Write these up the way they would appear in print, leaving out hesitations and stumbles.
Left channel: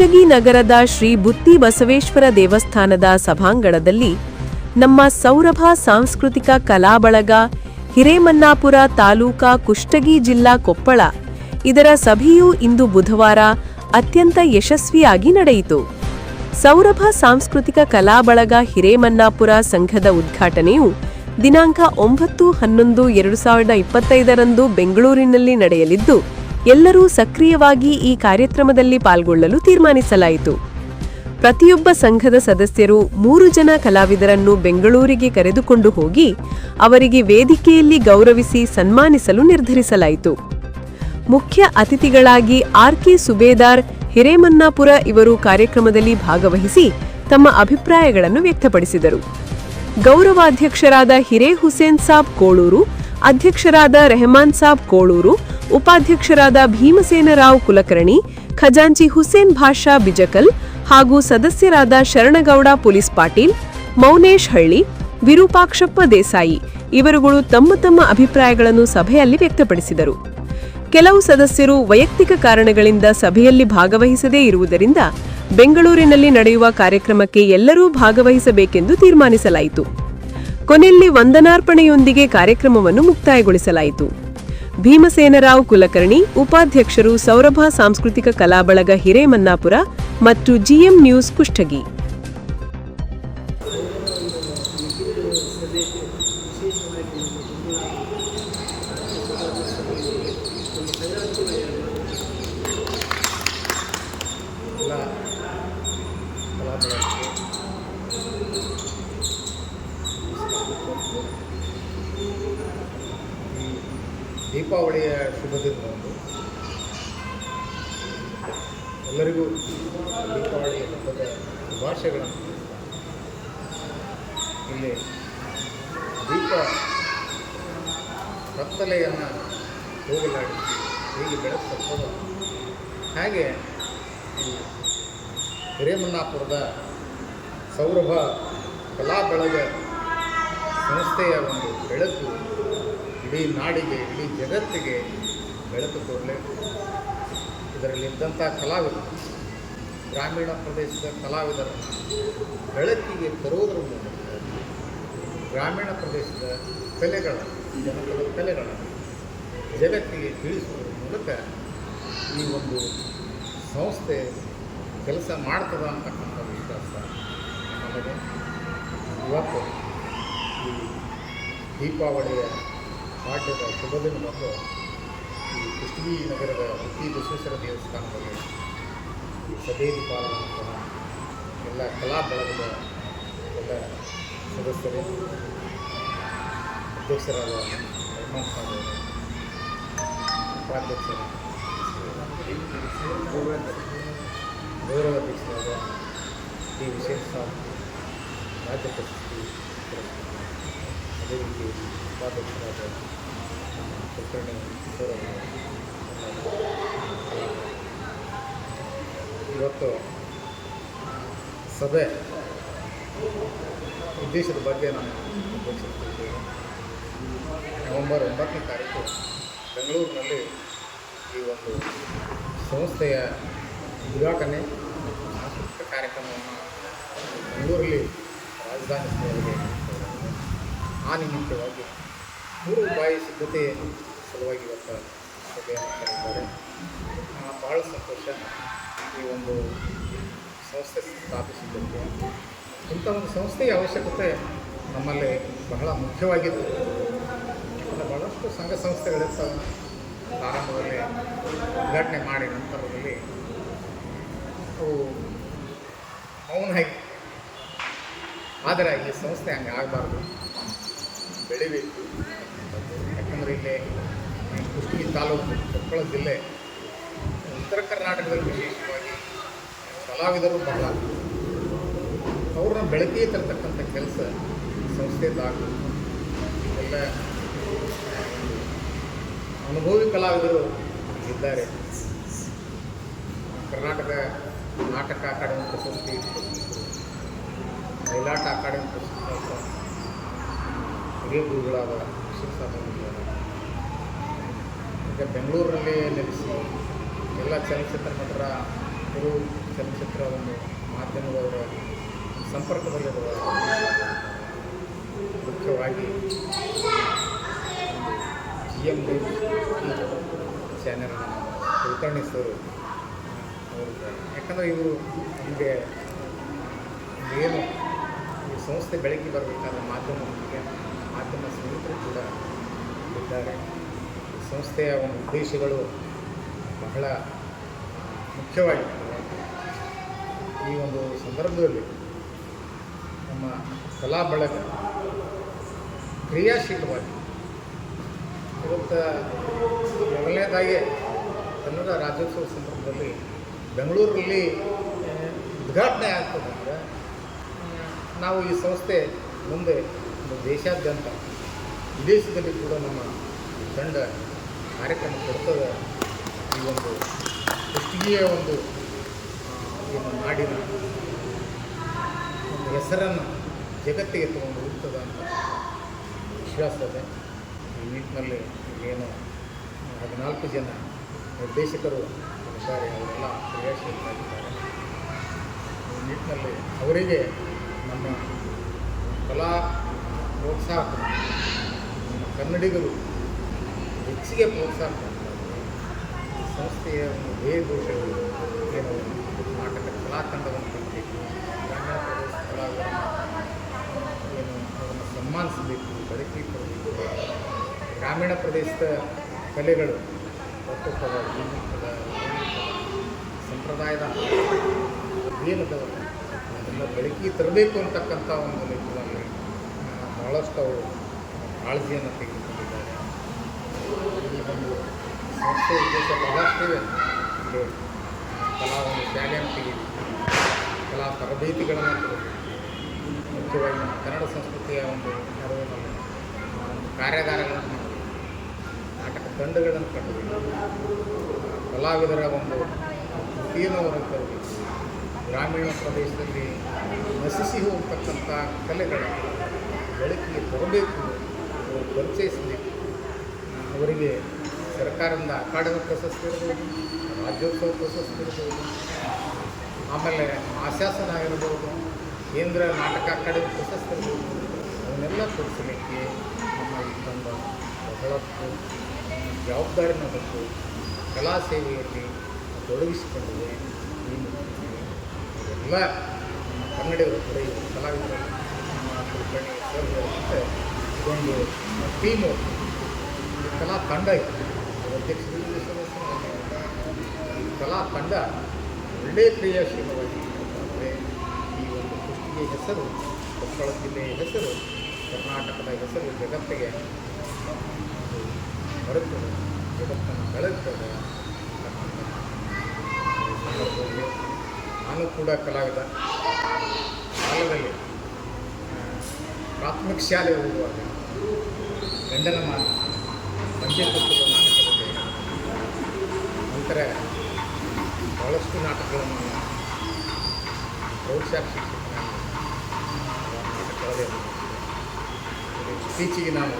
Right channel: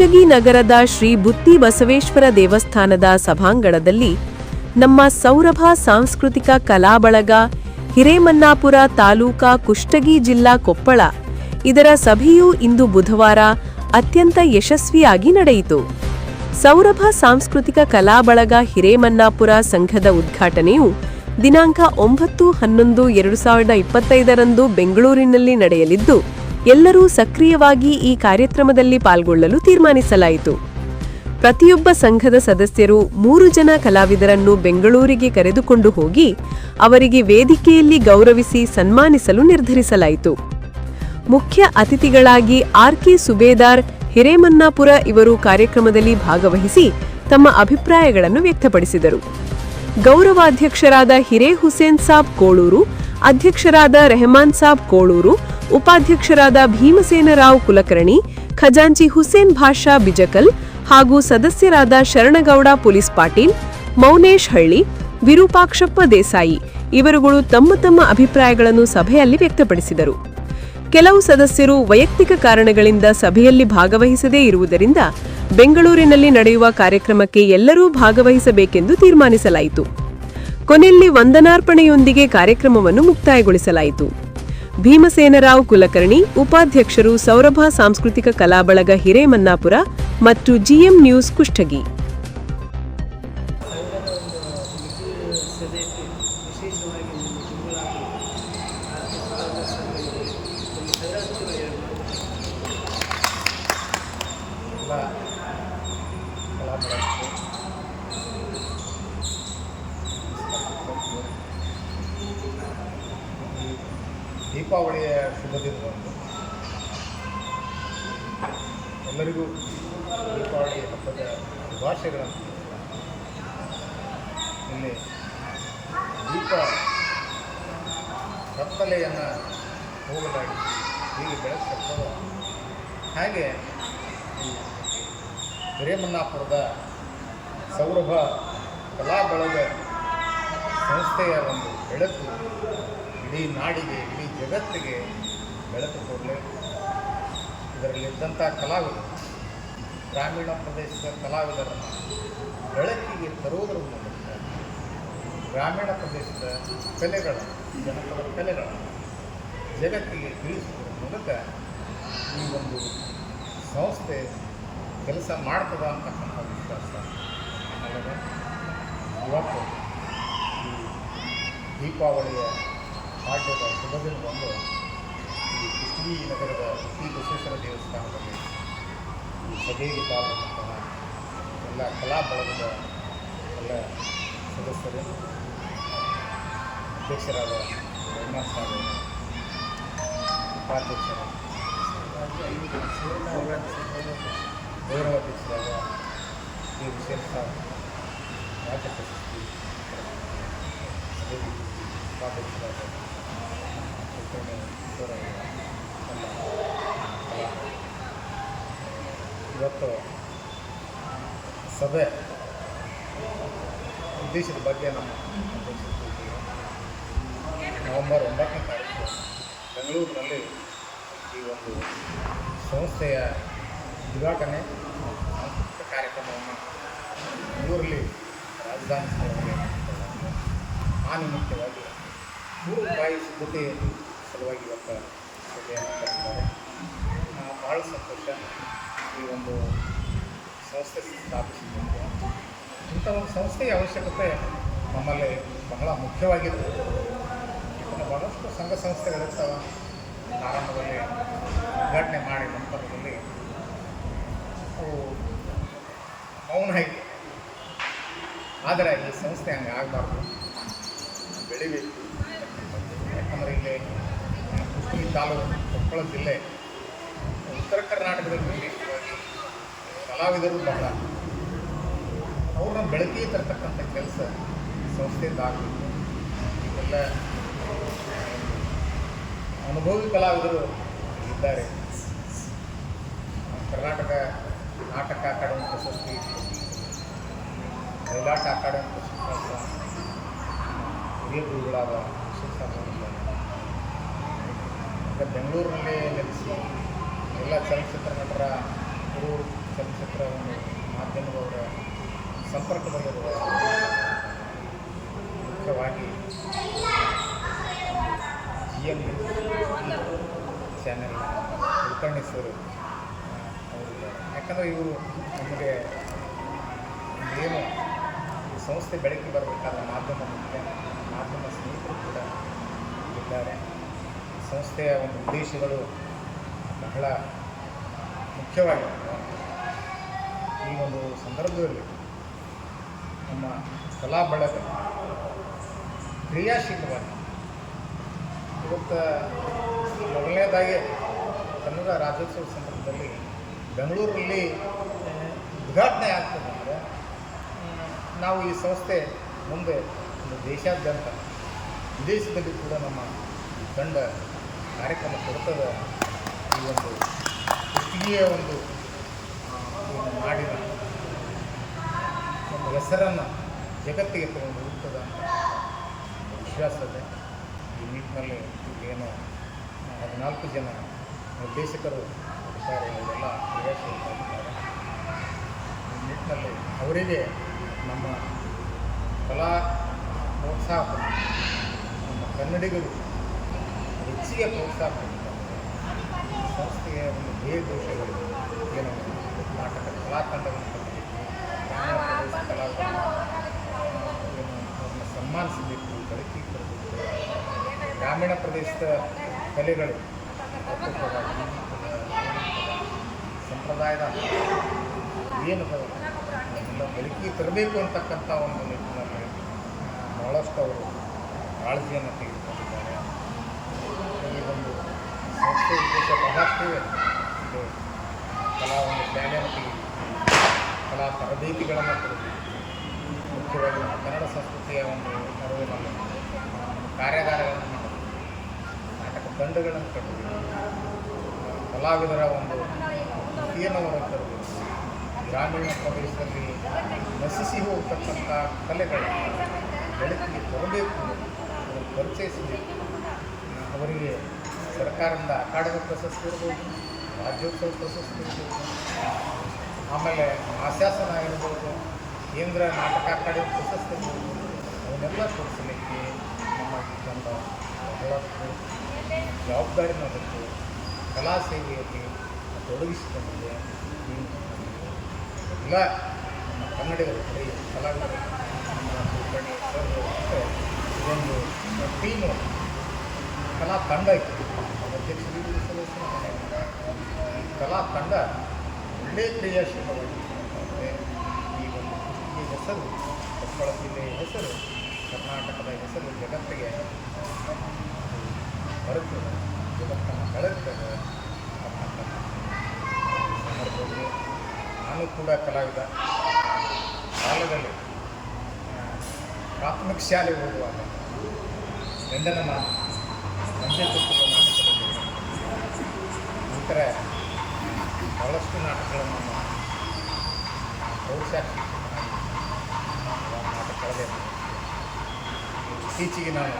ಕುಷ್ಟಗಿ ನಗರದ ಶ್ರೀ ಬುತ್ತಿ ಬಸವೇಶ್ವರ ದೇವಸ್ಥಾನದ ಸಭಾಂಗಣದಲ್ಲಿ ನಮ್ಮ ಸೌರಭ ಸಾಂಸ್ಕೃತಿಕ ಕಲಾಬಳಗ ಹಿರೇಮನ್ನಾಪುರ ತಾಲೂಕಾ ಕುಷ್ಟಗಿ ಜಿಲ್ಲಾ ಕೊಪ್ಪಳ ಇದರ ಸಭೆಯು ಇಂದು ಬುಧವಾರ ಅತ್ಯಂತ ಯಶಸ್ವಿಯಾಗಿ ನಡೆಯಿತು. ಸೌರಭ ಸಾಂಸ್ಕೃತಿಕ ಕಲಾಬಳಗ ಹಿರೇಮನ್ನಾಪುರ ಸಂಘದ ಉದ್ಘಾಟನೆಯು ದಿನಾಂಕ 9/11/2025 ಬೆಂಗಳೂರಿನಲ್ಲಿ ನಡೆಯಲಿದ್ದು, ಎಲ್ಲರೂ ಸಕ್ರಿಯವಾಗಿ ಈ ಕಾರ್ಯಕ್ರಮದಲ್ಲಿ ಪಾಲ್ಗೊಳ್ಳಲು ತೀರ್ಮಾನಿಸಲಾಯಿತು. ಪ್ರತಿಯೊಬ್ಬ ಸಂಘದ ಸದಸ್ಯರು 3 ಜನ ಕಲಾವಿದರನ್ನು ಬೆಂಗಳೂರಿಗೆ ಕರೆದುಕೊಂಡು ಹೋಗಿ ಅವರಿಗೆ ವೇದಿಕೆಯಲ್ಲಿ ಗೌರವಿಸಿ ಸನ್ಮಾನಿಸಲು ನಿರ್ಧರಿಸಲಾಯಿತು. ಮುಖ್ಯ ಅತಿಥಿಗಳಾಗಿ ಆರ್.ಕೆ. ಸುಬೇದಾರ್ ಹಿರೇಮನ್ನಾಪುರ ಇವರು ಕಾರ್ಯಕ್ರಮದಲ್ಲಿ ಭಾಗವಹಿಸಿ ತಮ್ಮ ಅಭಿಪ್ರಾಯಗಳನ್ನು ವ್ಯಕ್ತಪಡಿಸಿದರು. ಗೌರವಾಧ್ಯಕ್ಷರಾದ ಹಿರೇ ಹುಸೇನ್ ಸಾಬ್ ಕೋಳೂರು, ಅಧ್ಯಕ್ಷರಾದ ರೆಹಮಾನ್ ಸಾಬ್ ಕೋಳೂರು, ಉಪಾಧ್ಯಕ್ಷರಾದ ಭೀಮಸೇನರಾವ್ ಕುಲಕರ್ಣಿ, ಖಜಾಂಚಿ ಹುಸೇನ್ ಭಾಷಾ ಬಿಜಕಲ್ ಹಾಗೂ ಸದಸ್ಯರಾದ ಶರಣಗೌಡ ಪೊಲೀಸ್ ಪಾಟೀಲ್, ಮೌನೇಶ್ ಹಳ್ಳಿ, ವಿರೂಪಾಕ್ಷಪ್ಪ ದೇಸಾಯಿ ಇವರುಗಳು ತಮ್ಮ ತಮ್ಮ ಅಭಿಪ್ರಾಯಗಳನ್ನು ಸಭೆಯಲ್ಲಿ ವ್ಯಕ್ತಪಡಿಸಿದರು. ಕೆಲವು ಸದಸ್ಯರು ವೈಯಕ್ತಿಕ ಕಾರಣಗಳಿಂದ ಸಭೆಯಲ್ಲಿ ಭಾಗವಹಿಸದೇ ಇರುವುದರಿಂದ ಬೆಂಗಳೂರಿನಲ್ಲಿ ನಡೆಯುವ ಕಾರ್ಯಕ್ರಮಕ್ಕೆ ಎಲ್ಲರೂ ಭಾಗವಹಿಸಬೇಕೆಂದು ತೀರ್ಮಾನಿಸಲಾಯಿತು. ಕೊನೆಯಲ್ಲಿ ವಂದನಾರ್ಪಣೆಯೊಂದಿಗೆ ಕಾರ್ಯಕ್ರಮವನ್ನು ಮುಕ್ತಾಯಗೊಳಿಸಲಾಯಿತು. ಭೀಮಸೇನರಾವ್ ಕುಲಕರ್ಣಿ, ಉಪಾಧ್ಯಕ್ಷರು, ಸೌರಭ ಸಾಂಸ್ಕೃತಿಕ ಕಲಾಬಳಗ ಹಿರೇಮನ್ನಾಪುರ ಮತ್ತು ಜಿಎಂ ನ್ಯೂಸ್ ಕುಷ್ಟಗಿ. ಈ ದೀಪಾವಳಿಯ ಶುಭ ದಿನದಂದು ಎಲ್ಲರಿಗೂ ದೀಪಾವಳಿ ಹಬ್ಬದ ಶುಭಾಶಯಗಳನ್ನು ತಿಳಿಸ್ತಾ ಇಲ್ಲಿ ದೀಪ ಕತ್ತಲೆಯನ್ನು ಹೋಗಲಾಡಿಸಿ ಹೀಗೆ ಬೆಳೆಸ್ತಕ್ಕದ ಹಾಗೆ ಈ ಹಿರೇಮನ್ನಾಪುರದ ಸೌರಭ ಕಲಾಬಳಗ ಸಂಸ್ಥೆಯ ಒಂದು ಬೆಳಕು ಇಡೀ ನಾಡಿಗೆ, ಇಡೀ ಜಗತ್ತಿಗೆ ಬೆಳಕು ಕೊಡಲಿ. ಇದರಲ್ಲಿದ್ದಂಥ ಕಲಾವಿದರು, ಗ್ರಾಮೀಣ ಪ್ರದೇಶದ ಕಲಾವಿದರನ್ನು ಬೆಳಕಿಗೆ ತರುವುದರ ಮೂಲಕ ಗ್ರಾಮೀಣ ಪ್ರದೇಶದ ಕಲೆಗಳನ್ನು, ಜನಪದ ಕಲೆಗಳನ್ನು ಜಗತ್ತಿಗೆ ತಿಳಿಸುವುದರ ಮೂಲಕ ಈ ಒಂದು ಸಂಸ್ಥೆ ಕೆಲಸ ಮಾಡ್ತದ ಅಂತಕ್ಕಂಥ ವಿಶ್ವಾಸ ನಮ್ಮಲ್ಲಿದೆ. ಇವತ್ತು ಈ ದೀಪಾವಳಿಯ ಪಾಡ್ಯದ ಶುಭ ದಿನದಂದು ಈ ಕುಷ್ಟಗಿ ನಗರದ ಬುತ್ತಿ ಬಸವೇಶ್ವರ ದೇವಸ್ಥಾನದಲ್ಲಿ ಈ ಸಭೆಯಲ್ಲಿ ಪಾಲ್ಗೊಂಡಂತಹ ಎಲ್ಲ ಕಲಾ ಬಳಗದ ಎಲ್ಲ ಸದಸ್ಯರೇ, ಅಧ್ಯಕ್ಷರಾದ ರೆಹಮಾನ್ ಸಾಬ್ ಅವರೇ, ಉಪಾಧ್ಯಕ್ಷರ ಗೌರವಾಧ್ಯಕ್ಷರಾದ ಕೆ. ಹುಸೇನ್ ಸಾಬ್, ರಾಜ್ಯ ಪ್ರಶಸ್ತಿ ಅದೇ ರೀತಿ ಉಪಾಧ್ಯಕ್ಷರಾದ ನಮ್ಮ ಕುಲಕರ್ಣಿ ಕಿಶೋರವರು ಎಲ್ಲ ಕಲಾಕಾರ. ಇವತ್ತು ಸಭೆ ಉದ್ದೇಶದ ಬಗ್ಗೆ ನಮ್ಮ ಅಧ್ಯಕ್ಷರು ತಿಳಿಸಿದರು. ನವೆಂಬರ್ 9ನೇ ತಾರೀಕು ಬೆಂಗಳೂರಿನಲ್ಲಿ ಈ ಒಂದು ಸಂಸ್ಥೆಯ ಉದ್ಘಾಟನೆ ಮತ್ತು ಸಾಂಸ್ಕೃತಿಕ ಕಾರ್ಯಕ್ರಮವನ್ನು ಬೆಂಗಳೂರಲ್ಲಿ ರಾಜಧಾನಿ ಸ್ಥಳದಲ್ಲಿ ನಡೆಸಿಕೊಳ್ಳಲಾಗಿದೆ. ಆ ನಿಮಿತ್ತವಾಗಿ ಪೂರ್ವಭಾವಿ ಸಿದ್ಧತೆ ಸಲುವಾಗಿ ಇವತ್ತು ಸಭೆಯನ್ನು ಕರೆದಿದ್ದಾರೆ. ಬಹಳ ಸಂತೋಷ. ಈ ಒಂದು ಸಂಸ್ಥೆ ಸ್ಥಾಪಿಸಿದ್ದಕ್ಕೆ ಇಂಥ ಒಂದು ಸಂಸ್ಥೆಯ ಅವಶ್ಯಕತೆ ನಮ್ಮಲ್ಲಿ ಬಹಳ ಮುಖ್ಯವಾಗಿತ್ತು. ಯಾಕಂದರೆ ಭಾಳಷ್ಟು ಸಂಘ ಸಂಸ್ಥೆಗಳಿರ್ತಾವೆ. ಆರಂಭದಲ್ಲಿ ಉದ್ಘಾಟನೆ ಮಾಡಿ ನಂತರದಲ್ಲಿ ಅವು ಮೌನಾಗಿ, ಆದರೆ ಈ ಸಂಸ್ಥೆ ಹಂಗೆ ಆಗಬಾರ್ದು, ಬೆಳಿಬೇಕು ಅಂತಕ್ಕಂಥದ್ದು. ಯಾಕಂದರೆ ಇಲ್ಲಿ ಕುಷ್ಟಗಿ ತಾಲೂಕು, ಕೊಪ್ಪಳ ಜಿಲ್ಲೆ, ಉತ್ತರ ಕರ್ನಾಟಕದಲ್ಲಿ ವಿಶೇಷವಾಗಿ ಕಲಾವಿದರು ಬಹಳ, ಅವ್ರನ್ನ ಬೆಳಕಿಗೆ ತರ್ತಕ್ಕಂಥ ಕೆಲಸ ಸಂಸ್ಥೆದಾಗಬೇಕು. ಈಗೆಲ್ಲ ಒಂದು ಅನುಭವಿ ಕಲಾವಿದರು ಇದ್ದಾರೆ. ಕರ್ನಾಟಕ ನಾಟಕ ಅಕಾಡೆಮಿ ಪ್ರಶಸ್ತಿ, ಬಯಲಾಟ ಅಕಾಡೆಮಿ ಪ್ರಶಸ್ತಿ ಹಿರಿಯ ಗುರುಗಳಾದ ಹುಸೇನ್ ಸಾಬ್ ಅವರಿದ್ದಾರೆ. ಈಗ ಬೆಂಗಳೂರಿನಲ್ಲಿ ನೆಲೆಸಿ ಎಲ್ಲ ಚಲನಚಿತ್ರ ನಟರ ಗುರು ಚಲನಚಿತ್ರ ಒಂದು ಮಾಧ್ಯಮದವರ ಸಂಪರ್ಕದಲ್ಲಿರುವ ಮುಖ್ಯವಾಗಿ ಒಂದು GM ನ್ಯೂಸ್ ಈ ಚಾನೆಲ್ನ ನಮ್ಮ ಕುಲಕರ್ಣಿ ಸರ್ ಅವರಿದ್ದಾರೆ. ಯಾಕಂದರೆ ಇವರು ನಮಗೆ ಏನು ಈ ಸಂಸ್ಥೆ ಬೆಳಕಿಗೆ ಬರಬೇಕಾದ್ರೆ ಮಾಧ್ಯಮ ಮುಖ್ಯ, ಮಾಧ್ಯಮ ಸ್ನೇಹಿತರು ಕೂಡ ಇದ್ದಾರೆ. ಈ ಸಂಸ್ಥೆಯ ಒಂದು ಉದ್ದೇಶಗಳು ಬಹಳ ಮುಖ್ಯವಾಗಿರ್ತದೆ. ಈ ಒಂದು ಸಂದರ್ಭದಲ್ಲಿ ನಮ್ಮ ಕಲಾ ಬಳಗ ಕ್ರಿಯಾಶೀಲವಾಗಿ ಇವತ್ತು ಮೊದಲನೇದಾಗಿ ಕನ್ನಡ ರಾಜ್ಯೋತ್ಸವ ಸಂದರ್ಭದಲ್ಲಿ ಬೆಂಗಳೂರಲ್ಲಿ ಉದ್ಘಾಟನೆ ಆಗ್ತದೆ ಅಂದರೆ ನಾವು ಈ ಸಂಸ್ಥೆ ಮುಂದೆ ಒಂದು ದೇಶಾದ್ಯಂತ ವಿದೇಶದಲ್ಲಿ ಕೂಡ ನಮ್ಮ ಈ ತಂಡ ಕಾರ್ಯಕ್ರಮ ಕೊಡ್ತದೆ. ಈ ಒಂದು ಕುಷ್ಟಗಿಯ ಒಂದು ಏನು ನಾಡಿನ ಒಂದು ಹೆಸರನ್ನು ಜಗತ್ತಿಗೆ ತಗೊಂಡು ಹೋಗ್ತದೆ ಅಂತ ವಿಶ್ವಾಸ ಇದೆ. ಈ ನಿಟ್ಟಿನಲ್ಲಿ ಈಗೇನು 14 ಜನ ನಿರ್ದೇಶಕರು ಇದ್ದಾರೆ, ಅವರೆಲ್ಲ ಕ್ರಿಯಾಶೀಲರಾಗಿದ್ದಾರೆ. ಈ ನಿಟ್ಟಿನಲ್ಲಿ ಅವರಿಗೆ ನಮ್ಮ ಕಲಾ ಪ್ರೋತ್ಸಾಹಕರು, ನಮ್ಮ ಕನ್ನಡಿಗರು ಹೆಚ್ಚಿಗೆ ಪ್ರೋತ್ಸಾಹ ಕೊಡ್ತಾರೆ. ಈ ಸಂಸ್ಥೆಯ ಒಂದು ಧ್ಯೇಯ ದೋಷಗಳು ಏನು ನಾಟಕ ಕಲಾ ತಂಡವನ್ನು ಕಟ್ಟಬೇಕು, ಗ್ರಾಮೀಣ ಪ್ರದೇಶ ಕಲಾವಿದರನ್ನು ಏನು ಅವ್ರನ್ನ ಸನ್ಮಾನಿಸಬೇಕು, ಬೆಳಕಿಗೆ ತರಬೇಕು, ಗ್ರಾಮೀಣ ಪ್ರದೇಶದ ಕಲೆಗಳು ತತ್ವಪದ, ಗೀಗಿ ಪದ, ಲಾವಣಿ ಪದ, ಸಂಪ್ರದಾಯದ ಏನದವ ಅದೆಲ್ಲ ಬೆಳಕಿಗೆ ತರಬೇಕು ಅಂತಕ್ಕಂಥ ಒಂದು ನಿಟ್ಟಿನಲ್ಲಿ ಬಹಳಷ್ಟು ಅವರು ಕಾಳಜಿಯನ್ನು ತೆಗೆದುಕೊಂಡಿದ್ದಾರೆ. ಈ ಒಂದು ಸಂಸ್ಥೆ ಉದ್ದೇಶ ಬಹಳಷ್ಟಿವೆ. ಇಲ್ಲಿ ಕಲಾ ಒಂದು ಶಾಲೆಯನ್ನು ತೆಗೆಯಬೇಕು, ಕಲಾ ತರಬೇತಿಗಳನ್ನು ಕೊಡಬೇಕು, ಮುಖ್ಯವಾಗಿ ನಮ್ಮ ಕನ್ನಡ ಸಂಸ್ಕೃತಿಯ ಒಂದು ನೆರವಿನಲ್ಲಿ ಒಂದು ಕಾರ್ಯಾಗಾರಗಳನ್ನು ಮಾಡಬೇಕು, ನಾಟಕ ತಂಡಗಳನ್ನು ಕಟ್ಟಬೇಕು, ಕಲಾವಿದರ ಒಂದು ಕೃತಿಯನ್ನು ಹೊರಗೆ ತರಬೇಕು, ಗ್ರಾಮೀಣ ಪ್ರದೇಶದಲ್ಲಿ ನಶಿಸಿ ಹೋಗ್ತಕ್ಕಂಥ ಕಲೆಗಳನ್ನು ಬೆಳಕಿಗೆ ತರಬೇಕು, ಅವರು ಪರಿಚಯಿಸಬೇಕು. ಅವರಿಗೆ ಸರ್ಕಾರದಿಂದ ಅಕಾಡೆಮಿ ಪ್ರಶಸ್ತಿ ಇರ್ಬೋದು, ರಾಜ್ಯೋತ್ಸವ ಪ್ರಶಸ್ತಿ ಇರ್ಬೋದು, ಆಮೇಲೆ ಮಾಸಾಸನ ಇರ್ಬೋದು, ಕೇಂದ್ರ ನಾಟಕ ಅಕಾಡೆಮಿ ಪ್ರಶಸ್ತಿ ಇರ್ಬೋದು, ಅವನ್ನೆಲ್ಲ ಕೊಡಿಸಲಿಕ್ಕೆ ನಮ್ಮ ಈ ತಂಡ ಬಹಳಷ್ಟು ಜವಾಬ್ದಾರಿನ ಹೊತ್ತು ಕಲಾ ಸೇವೆಯಲ್ಲಿ ತೊಡಗಿಸಿಕೊಂಡಿದೆ. ಈ ನಿಟ್ಟಿನಲ್ಲಿ ಇದೆಲ್ಲ ನಮ್ಮ ಕನ್ನಡಿಗರು ಬರೀ ಕಲಾವಿದರು, ನಮ್ಮ ಕುಲಕರ್ಣಿ ಸರ್ ಹೇಳಿದಂತೆ ಇದೊಂದು ಟೀಮು, ಕಲಾ ತಂಡ ಇತ್ತು. ಅದು ಅಧ್ಯಕ್ಷರು ಈ ಕಲಾ ತಂಡ ಒಳ್ಳೆಯ ಕ್ರಿಯಾಶೀಲವಾಗಿ ಅಂದರೆ ಈ ಒಂದು ಕುಷ್ಟಗಿಯ ಹೆಸರು, ಕೊಪ್ಪಳ ಜಿಲ್ಲೆಯ ಹೆಸರು, ಕರ್ನಾಟಕದ ಹೆಸರು ಜಗತ್ತಿಗೆ ಅದು ಬರುತ್ತದೆ, ಜಗತ್ತನ್ನು ಬೆಳಗ್ತದೆ ಅಂತಕ್ಕಂಥ ಈ ಸಂದರ್ಭದಲ್ಲಿ ನಾನು ಕೂಡ ಕಲಾವಿದ. ಕಾಲದಲ್ಲಿ ಪ್ರಾಥಮಿಕ ಶಾಲೆ ಓದುವಾಗ ಗಂಡನ ಮಾತು ಮಂಜೆ ತುತ್ತುವ ನಾಟಕದಲ್ಲಿ ನಂತರ ಭಾಳಷ್ಟು ನಾಟಕಗಳನ್ನು ನಾನು ಪ್ರೌಢಶಾಲೆ ಶಿಕ್ಷಕನಾಗಿ ನಾಟಕಗಳದೇ ಇತ್ತೀಚೆಗೆ ನಾನು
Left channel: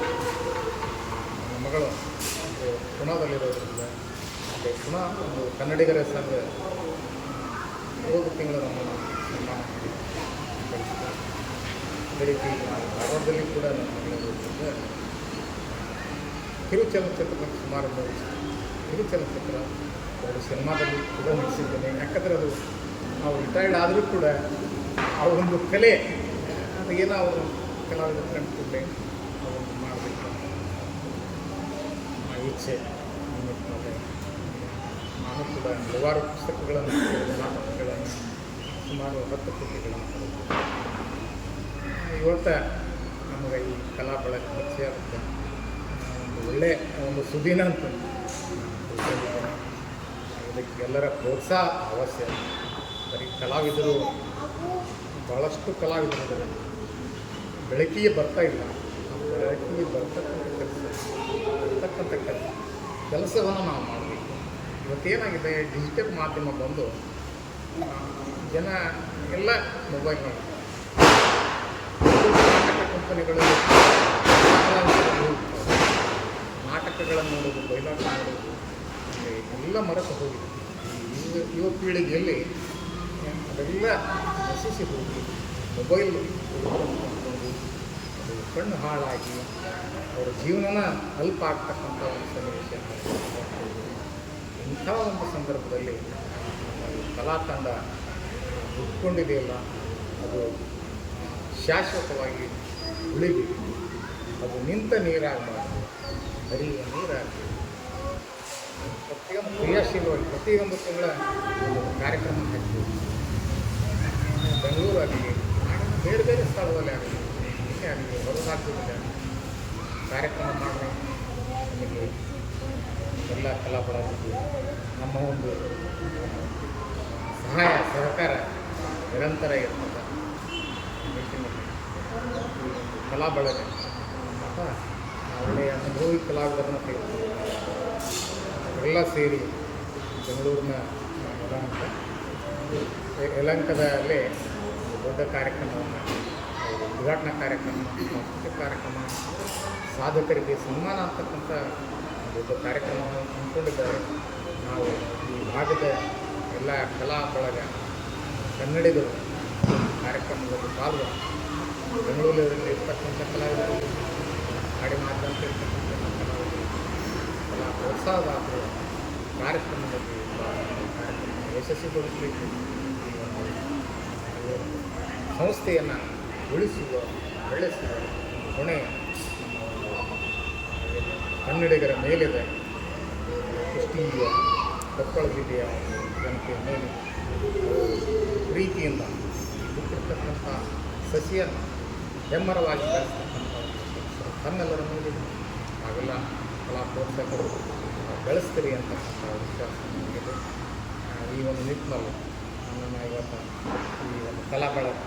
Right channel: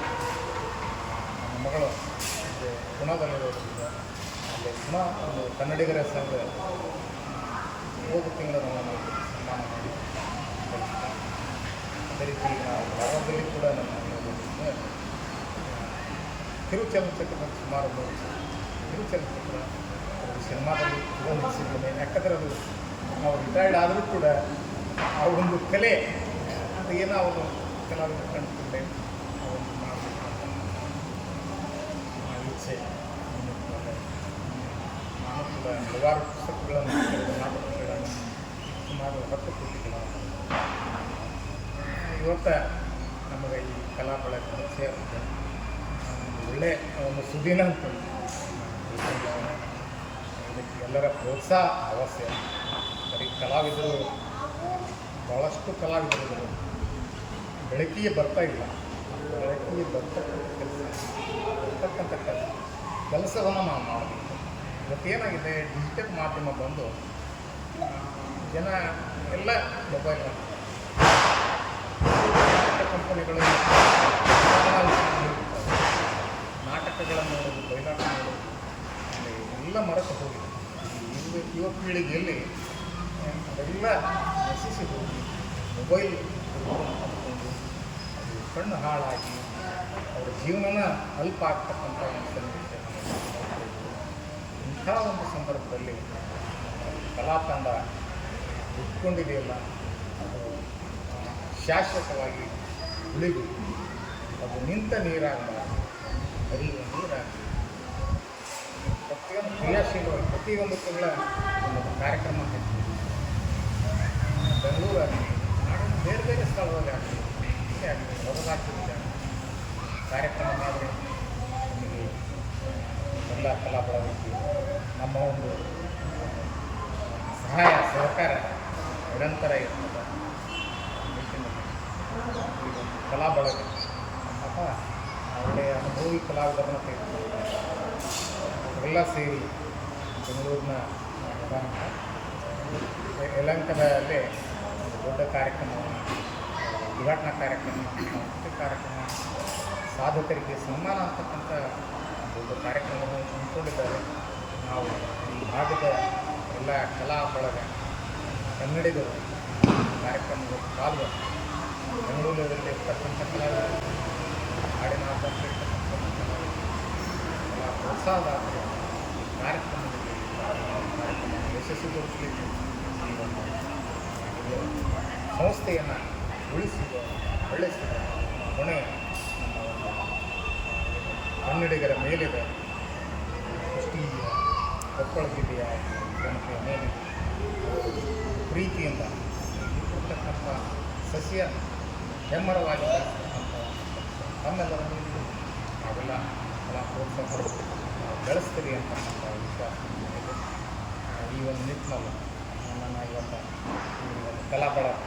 ನನ್ನ ಮಗಳು ಪುಣಾದಲ್ಲಿರೋದ್ರಿಂದ ಅಲ್ಲಿ ಪುಣಾ ಒಂದು ಕನ್ನಡಿಗರ ಸಂಘ ಹೋದ ತಿಂಗಳು ನಮ್ಮನ್ನು ಸನ್ಮಾನ ಮಾಡಿ ಕಳಿಸಿದ. ಅದೇ ರೀತಿ ನಾವು ಧಾರವಾಡದಲ್ಲಿ ಕೂಡ ನನ್ನ ಮಗಳಿರೋದ್ರಿಂದ ಕಿರುಚಲನಚಿತ್ರದಲ್ಲಿ ಸುಮಾರು ಕಿರುಚಲನಚಿತ್ರ 2 ಸಿನಿಮಾದಲ್ಲಿ ಕೂಡ ನಟಿಸಿದ್ದೇನೆ. ಯಾಕಂದರೆ ಅದು ನಾವು ರಿಟೈರ್ಡ್ ಆದರೂ ಕೂಡ ಆ ಒಂದು ಕಲೆ ಅದು ಏನೋ ಅವರು ಕಲಾವಿದರು ಕಂಡುಕೊಂಡೆ ಆ ಒಂದು ಮಾಡಬೇಕು ಅಂತಕ್ಕಂಥ ಒಂದು ಇಚ್ಛೆ. ಈ ನಿಟ್ಟಿನಲ್ಲಿ ನಾನು ಕೂಡ ಹಲವಾರು ಪುಸ್ತಕಗಳನ್ನು, ನಾಟಕಗಳನ್ನು, ಸುಮಾರು 10 ಕೃತಿಗಳನ್ನು ಬರೆದಿದ್ದೆ. ಇವತ್ತು ನಮಗೆ ಈ ಕಲಾ ಬಳಗ ಪರಿಚಯ ಆಗುತ್ತೆ, ಒಂದು ಒಳ್ಳೆಯ ಒಂದು ಸುದಿನ ಅಂತ ನಾನು ತಿಳ್ಕೊಂಡಿದ್ದೇನೆ. ಇದಕ್ಕೆ ಎಲ್ಲರ ಪ್ರೋತ್ಸಾಹ ಅವಶ್ಯ. ಬರೀ ಕಲಾವಿದರು ಭಾಳಷ್ಟು ಕಲಾವಿದರು ಬೆಳಕಿಗೆ ಬರ್ತಾ ಇಲ್ಲ. ಆ ಬೆಳಕಿಗೆ ಬರ್ತಕ್ಕಂಥ ಕೆಲಸವನ್ನು ನಾವು ಮಾಡಬೇಕು. ಇವತ್ತೇನಾಗಿದೆ, ಡಿಜಿಟಲ್ ಮಾಧ್ಯಮ ಬಂದು ಜನ ಎಲ್ಲ ಮೊಬೈಲ್ನಲ್ಲಿ ನಾಟಕ ಕಂಪನಿಗಳು ನಾಟಕಗಳನ್ನು ನೋಡೋದು, ಬಯಲಾಟ ನೋಡೋದು ಅಲ್ಲಿ ಎಲ್ಲ ಮರೆತು ಹೋಗಿದೆ. ಈ ಯುವ ಪೀಳಿಗೆಯಲ್ಲಿ ಅದೆಲ್ಲ ನಶಿಸಿ ಹೋಗಿ ಮೊಬೈಲ್ ತೆಗೆದುಕೊಂಡು ಅದು ಕಣ್ಣು ಹಾಳಾಗಿ ಅವರ ಜೀವನನ ಅಲ್ಪ ಆಗ್ತಕ್ಕಂಥ ಒಂದು ಸನ್ನಿವೇಶ ನಾವು ನೋಡ್ತಾ ಇದ್ದೀವಿ. ಇಂಥ ಒಂದು ಸಂದರ್ಭದಲ್ಲಿ ನಮ್ಮ ಈ ಕಲಾ ತಂಡ ಹುಟ್ಕೊಂಡಿದೆಯಲ್ಲ ಅದು ಶಾಶ್ವತವಾಗಿ ಉಳಿಬೇಕು. ಅದು ನಿಂತ ನೀರಾಗಬಾರ್ದು, ಹರಿಯುವ ನೀರಾಗಬೇಕು. ಪ್ರತಿಯೊಂದು ಕ್ರಿಯಾಶೀಲವಾಗಿ ಪ್ರತಿಯೊಂದು ತಿಂಗಳ ಒಂದು ಕಾರ್ಯಕ್ರಮ ಹಾಕಬೇಕು. ಬೆಂಗಳೂರಾಗಲಿ, ನಾಡಿನ ಬೇರೆ ಬೇರೆ ಸ್ಥಳದಲ್ಲಿ ಆಗಲಿ, ಇಲ್ಲೇ ಆಗಲಿ, ಹೊರ ರಾಜ್ಯದಲ್ಲಿ ಆಗಲಿ ಕಾರ್ಯಕ್ರಮ ಮಾಡಿದ್ರೆ ನಮಗೆ ಎಲ್ಲ ಕಲಾ ಬಳಗಕ್ಕೆ ನಮ್ಮ ಒಂದು ಸಹಾಯ ಸಹಕಾರ ನಿರಂತರ ಇರ್ತದೆ. ನಿಟ್ಟಿನಲ್ಲಿ ಈ ಒಂದು ಕಲಾ ಬಳಗ ಪಾಪ ಒಳ್ಳೆಯ ಅನುಭವಿ ಕಲಾವಿದರನ್ನ ತೆಗೆದುಕೊಂಡಿದ್ದಾರೆ. ಅವರೆಲ್ಲ ಸೇರಿ ಬೆಂಗಳೂರಿನ ಯಲಹಂಕದಲ್ಲೇ ಒಂದು ದೊಡ್ಡ ಕಾರ್ಯಕ್ರಮವನ್ನು, ಉದ್ಘಾಟನಾ ಕಾರ್ಯಕ್ರಮ, ಸಾಂಸ್ಕೃತಿಕ ಕಾರ್ಯಕ್ರಮ, ಸಾಧಕರಿಗೆ ಸನ್ಮಾನ ಅಂತಕ್ಕಂಥ ದೊಡ್ಡ ಕಾರ್ಯಕ್ರಮವನ್ನು ಹಮ್ಮಿಕೊಂಡಿದ್ದಾರೆ. ನಾವು ಈ ಭಾಗದ ಎಲ್ಲ ಕಲಾ ಬಳಗ ಕನ್ನಡಿಗರು ಕಾರ್ಯಕ್ರಮದಲ್ಲಿ ಪಾಲ್ಗೊಂಡು ಬೆಂಗಳೂರಲ್ಲಿ ಇರ್ತಕ್ಕಂಥ ಕಲಾವಿದರು, ನಾಡಿನಾದ್ಯಂತ ಇರ್ತಕ್ಕಂಥ ಕಲಾವಿದರು, ಕಲಾ ಪ್ರೋತ್ಸಾಹದಾತರು ಕಾರ್ಯಕ್ರಮದಲ್ಲಿ ಪಾಲ್ಗೊಂಡು ಕಾರ್ಯಕ್ರಮವನ್ನು ಯಶಸ್ವಿಗೊಳಿಸಲಿಕ್ಕೆ ಈ ಒಂದು ಸಂಸ್ಥೆಯನ್ನು ಉಳಿಸುವ, ಬೆಳೆಸುವ ಹೊಣೆ ನಮ್ಮ ಒಂದು ಏನು ಕನ್ನಡಿಗರ ಮೇಲಿದೆ. ಕುಷ್ಟಗಿಯ ಕೊಪ್ಪಳ ಜಿಲ್ಲೆಯ ಒಂದು ಜನತೆಯ ಮೇಲಿದೆ. ಪ್ರೀತಿಯಿಂದ ಈ ಬಿಟ್ಟಿರ್ತಕ್ಕಂಥ ಸಸಿಯನ್ನು ಹೆಮ್ಮರವಾಗಿ ಬೆಳೆಸ್ತಕ್ಕಂಥ ಒಂದು ಕೆಲಸ ತಮ್ಮೆಲ್ಲರ ಮೇಲಿದೆ. ನಾವೆಲ್ಲ ಕಲಾ ಪ್ರೋತ್ಸಾಹಕರು ನಾವು ಬೆಳೆಸ್ತೀರಿ ಅಂತಕ್ಕಂಥ ವಿಶ್ವಾಸ ನಮಗಿದೆ. ಈ ಒಂದು ನಿಟ್ಟಿನಲ್ಲಿ ನನ್ನ ಇವತ್ತು ಈ ಒಂದು ಕಲಾ ಬಳಗ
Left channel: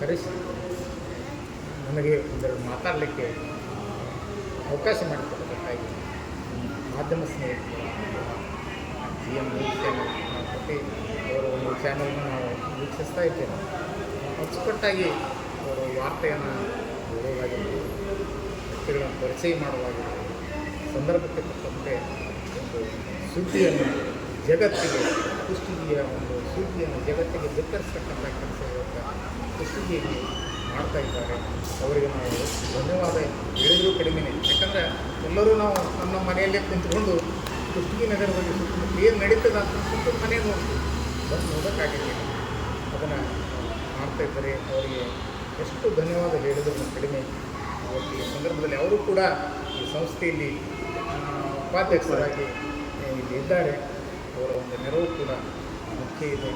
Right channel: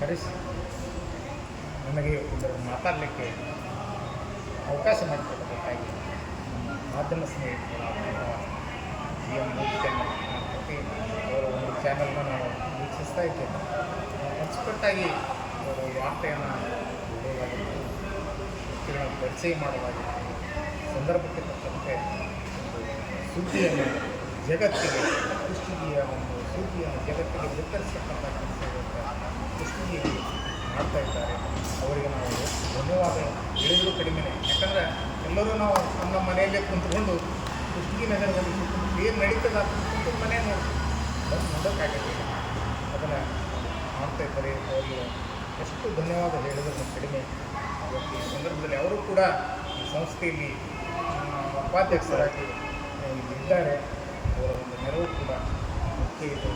ಕರೆಸಿ ನನಗೆ ಒಂದೆರಡು ಮಾತಾಡಲಿಕ್ಕೆ ಅವಕಾಶ ಮಾಡಿಕೊಡಬೇಕಾಗಿ ನಮ್ಮ ಮಾಧ್ಯಮ ಸ್ನೇಹಿತರು GM ನ್ಯೂಸ್ ಚಾನಲ್ ಪ್ರತಿ ಅವರ ಒಂದು ಚಾನಲ್ನ ನಾವು ವೀಕ್ಷಿಸ್ತಾ ಇದ್ದೇವೆ. ಅಚ್ಚುಕಟ್ಟಾಗಿ ಅವರು ವಾರ್ತೆಯನ್ನು ಓದೋದಾಗಿರ್ಬೋದು, ವ್ಯಕ್ತಿಗಳನ್ನು ಪರಿಚಯ ಮಾಡೋದಾಗಿರ್ಬೋದು, ಸಂದರ್ಭಕ್ಕೆ ತಕ್ಕಂತೆ ಒಂದು ಸುದ್ದಿಯನ್ನು ಜಗತ್ತಿಗೆ, ಕುಷ್ಟಗಿಯ ಒಂದು ಸುದ್ದಿಯನ್ನು ಜಗತ್ತಿಗೆ ಬಿತ್ತರಿಸ್ತಕ್ಕಂಥ ಕೆಲಸ ಇವತ್ತು ಕುಷ್ಟಗಿಯಲ್ಲಿ ಮಾಡ್ತಾ ಇದ್ದಾರೆ. ಅವರಿಗೆ ನಾವು ಧನ್ಯವಾದ ಹೇಳಿದರೂ ಕಡಿಮೆನೇ. ಯಾಕಂದರೆ ಎಲ್ಲರೂ ನಾವು ನಮ್ಮ ಮನೆಯಲ್ಲೇ ಕುಂತ್ಕೊಂಡು ಕುಷ್ಟಗಿ ನಗರದಲ್ಲಿ ಸುತ್ತಮುತ್ತ ಏನು ನಡೀತದೆ ಅಂತ ಸುತ್ತಮುತ್ತ ಮನೆ ನೋಡ್ತೀವಿ, ಬಂದು ನೋಡೋಕ್ಕಾಗಲಿಲ್ಲ. ಅದನ್ನು ಮಾಡ್ತಾ ಇದ್ದಾರೆ. ಅವರಿಗೆ ಎಷ್ಟು ಧನ್ಯವಾದ ಹೇಳಿದ್ರು ಕಡಿಮೆ. ಇವತ್ತು ಈ ಸಂದರ್ಭದಲ್ಲಿ ಅವರು ಕೂಡ ಈ ಸಂಸ್ಥೆಯಲ್ಲಿ ಉಪಾಧ್ಯಕ್ಷರಾಗಿ ಇಲ್ಲಿ ಇದ್ದಾರೆ. ಅವರ ಒಂದು ನೆರವು ಕೂಡ ಮುಖ್ಯ ಇದೆ.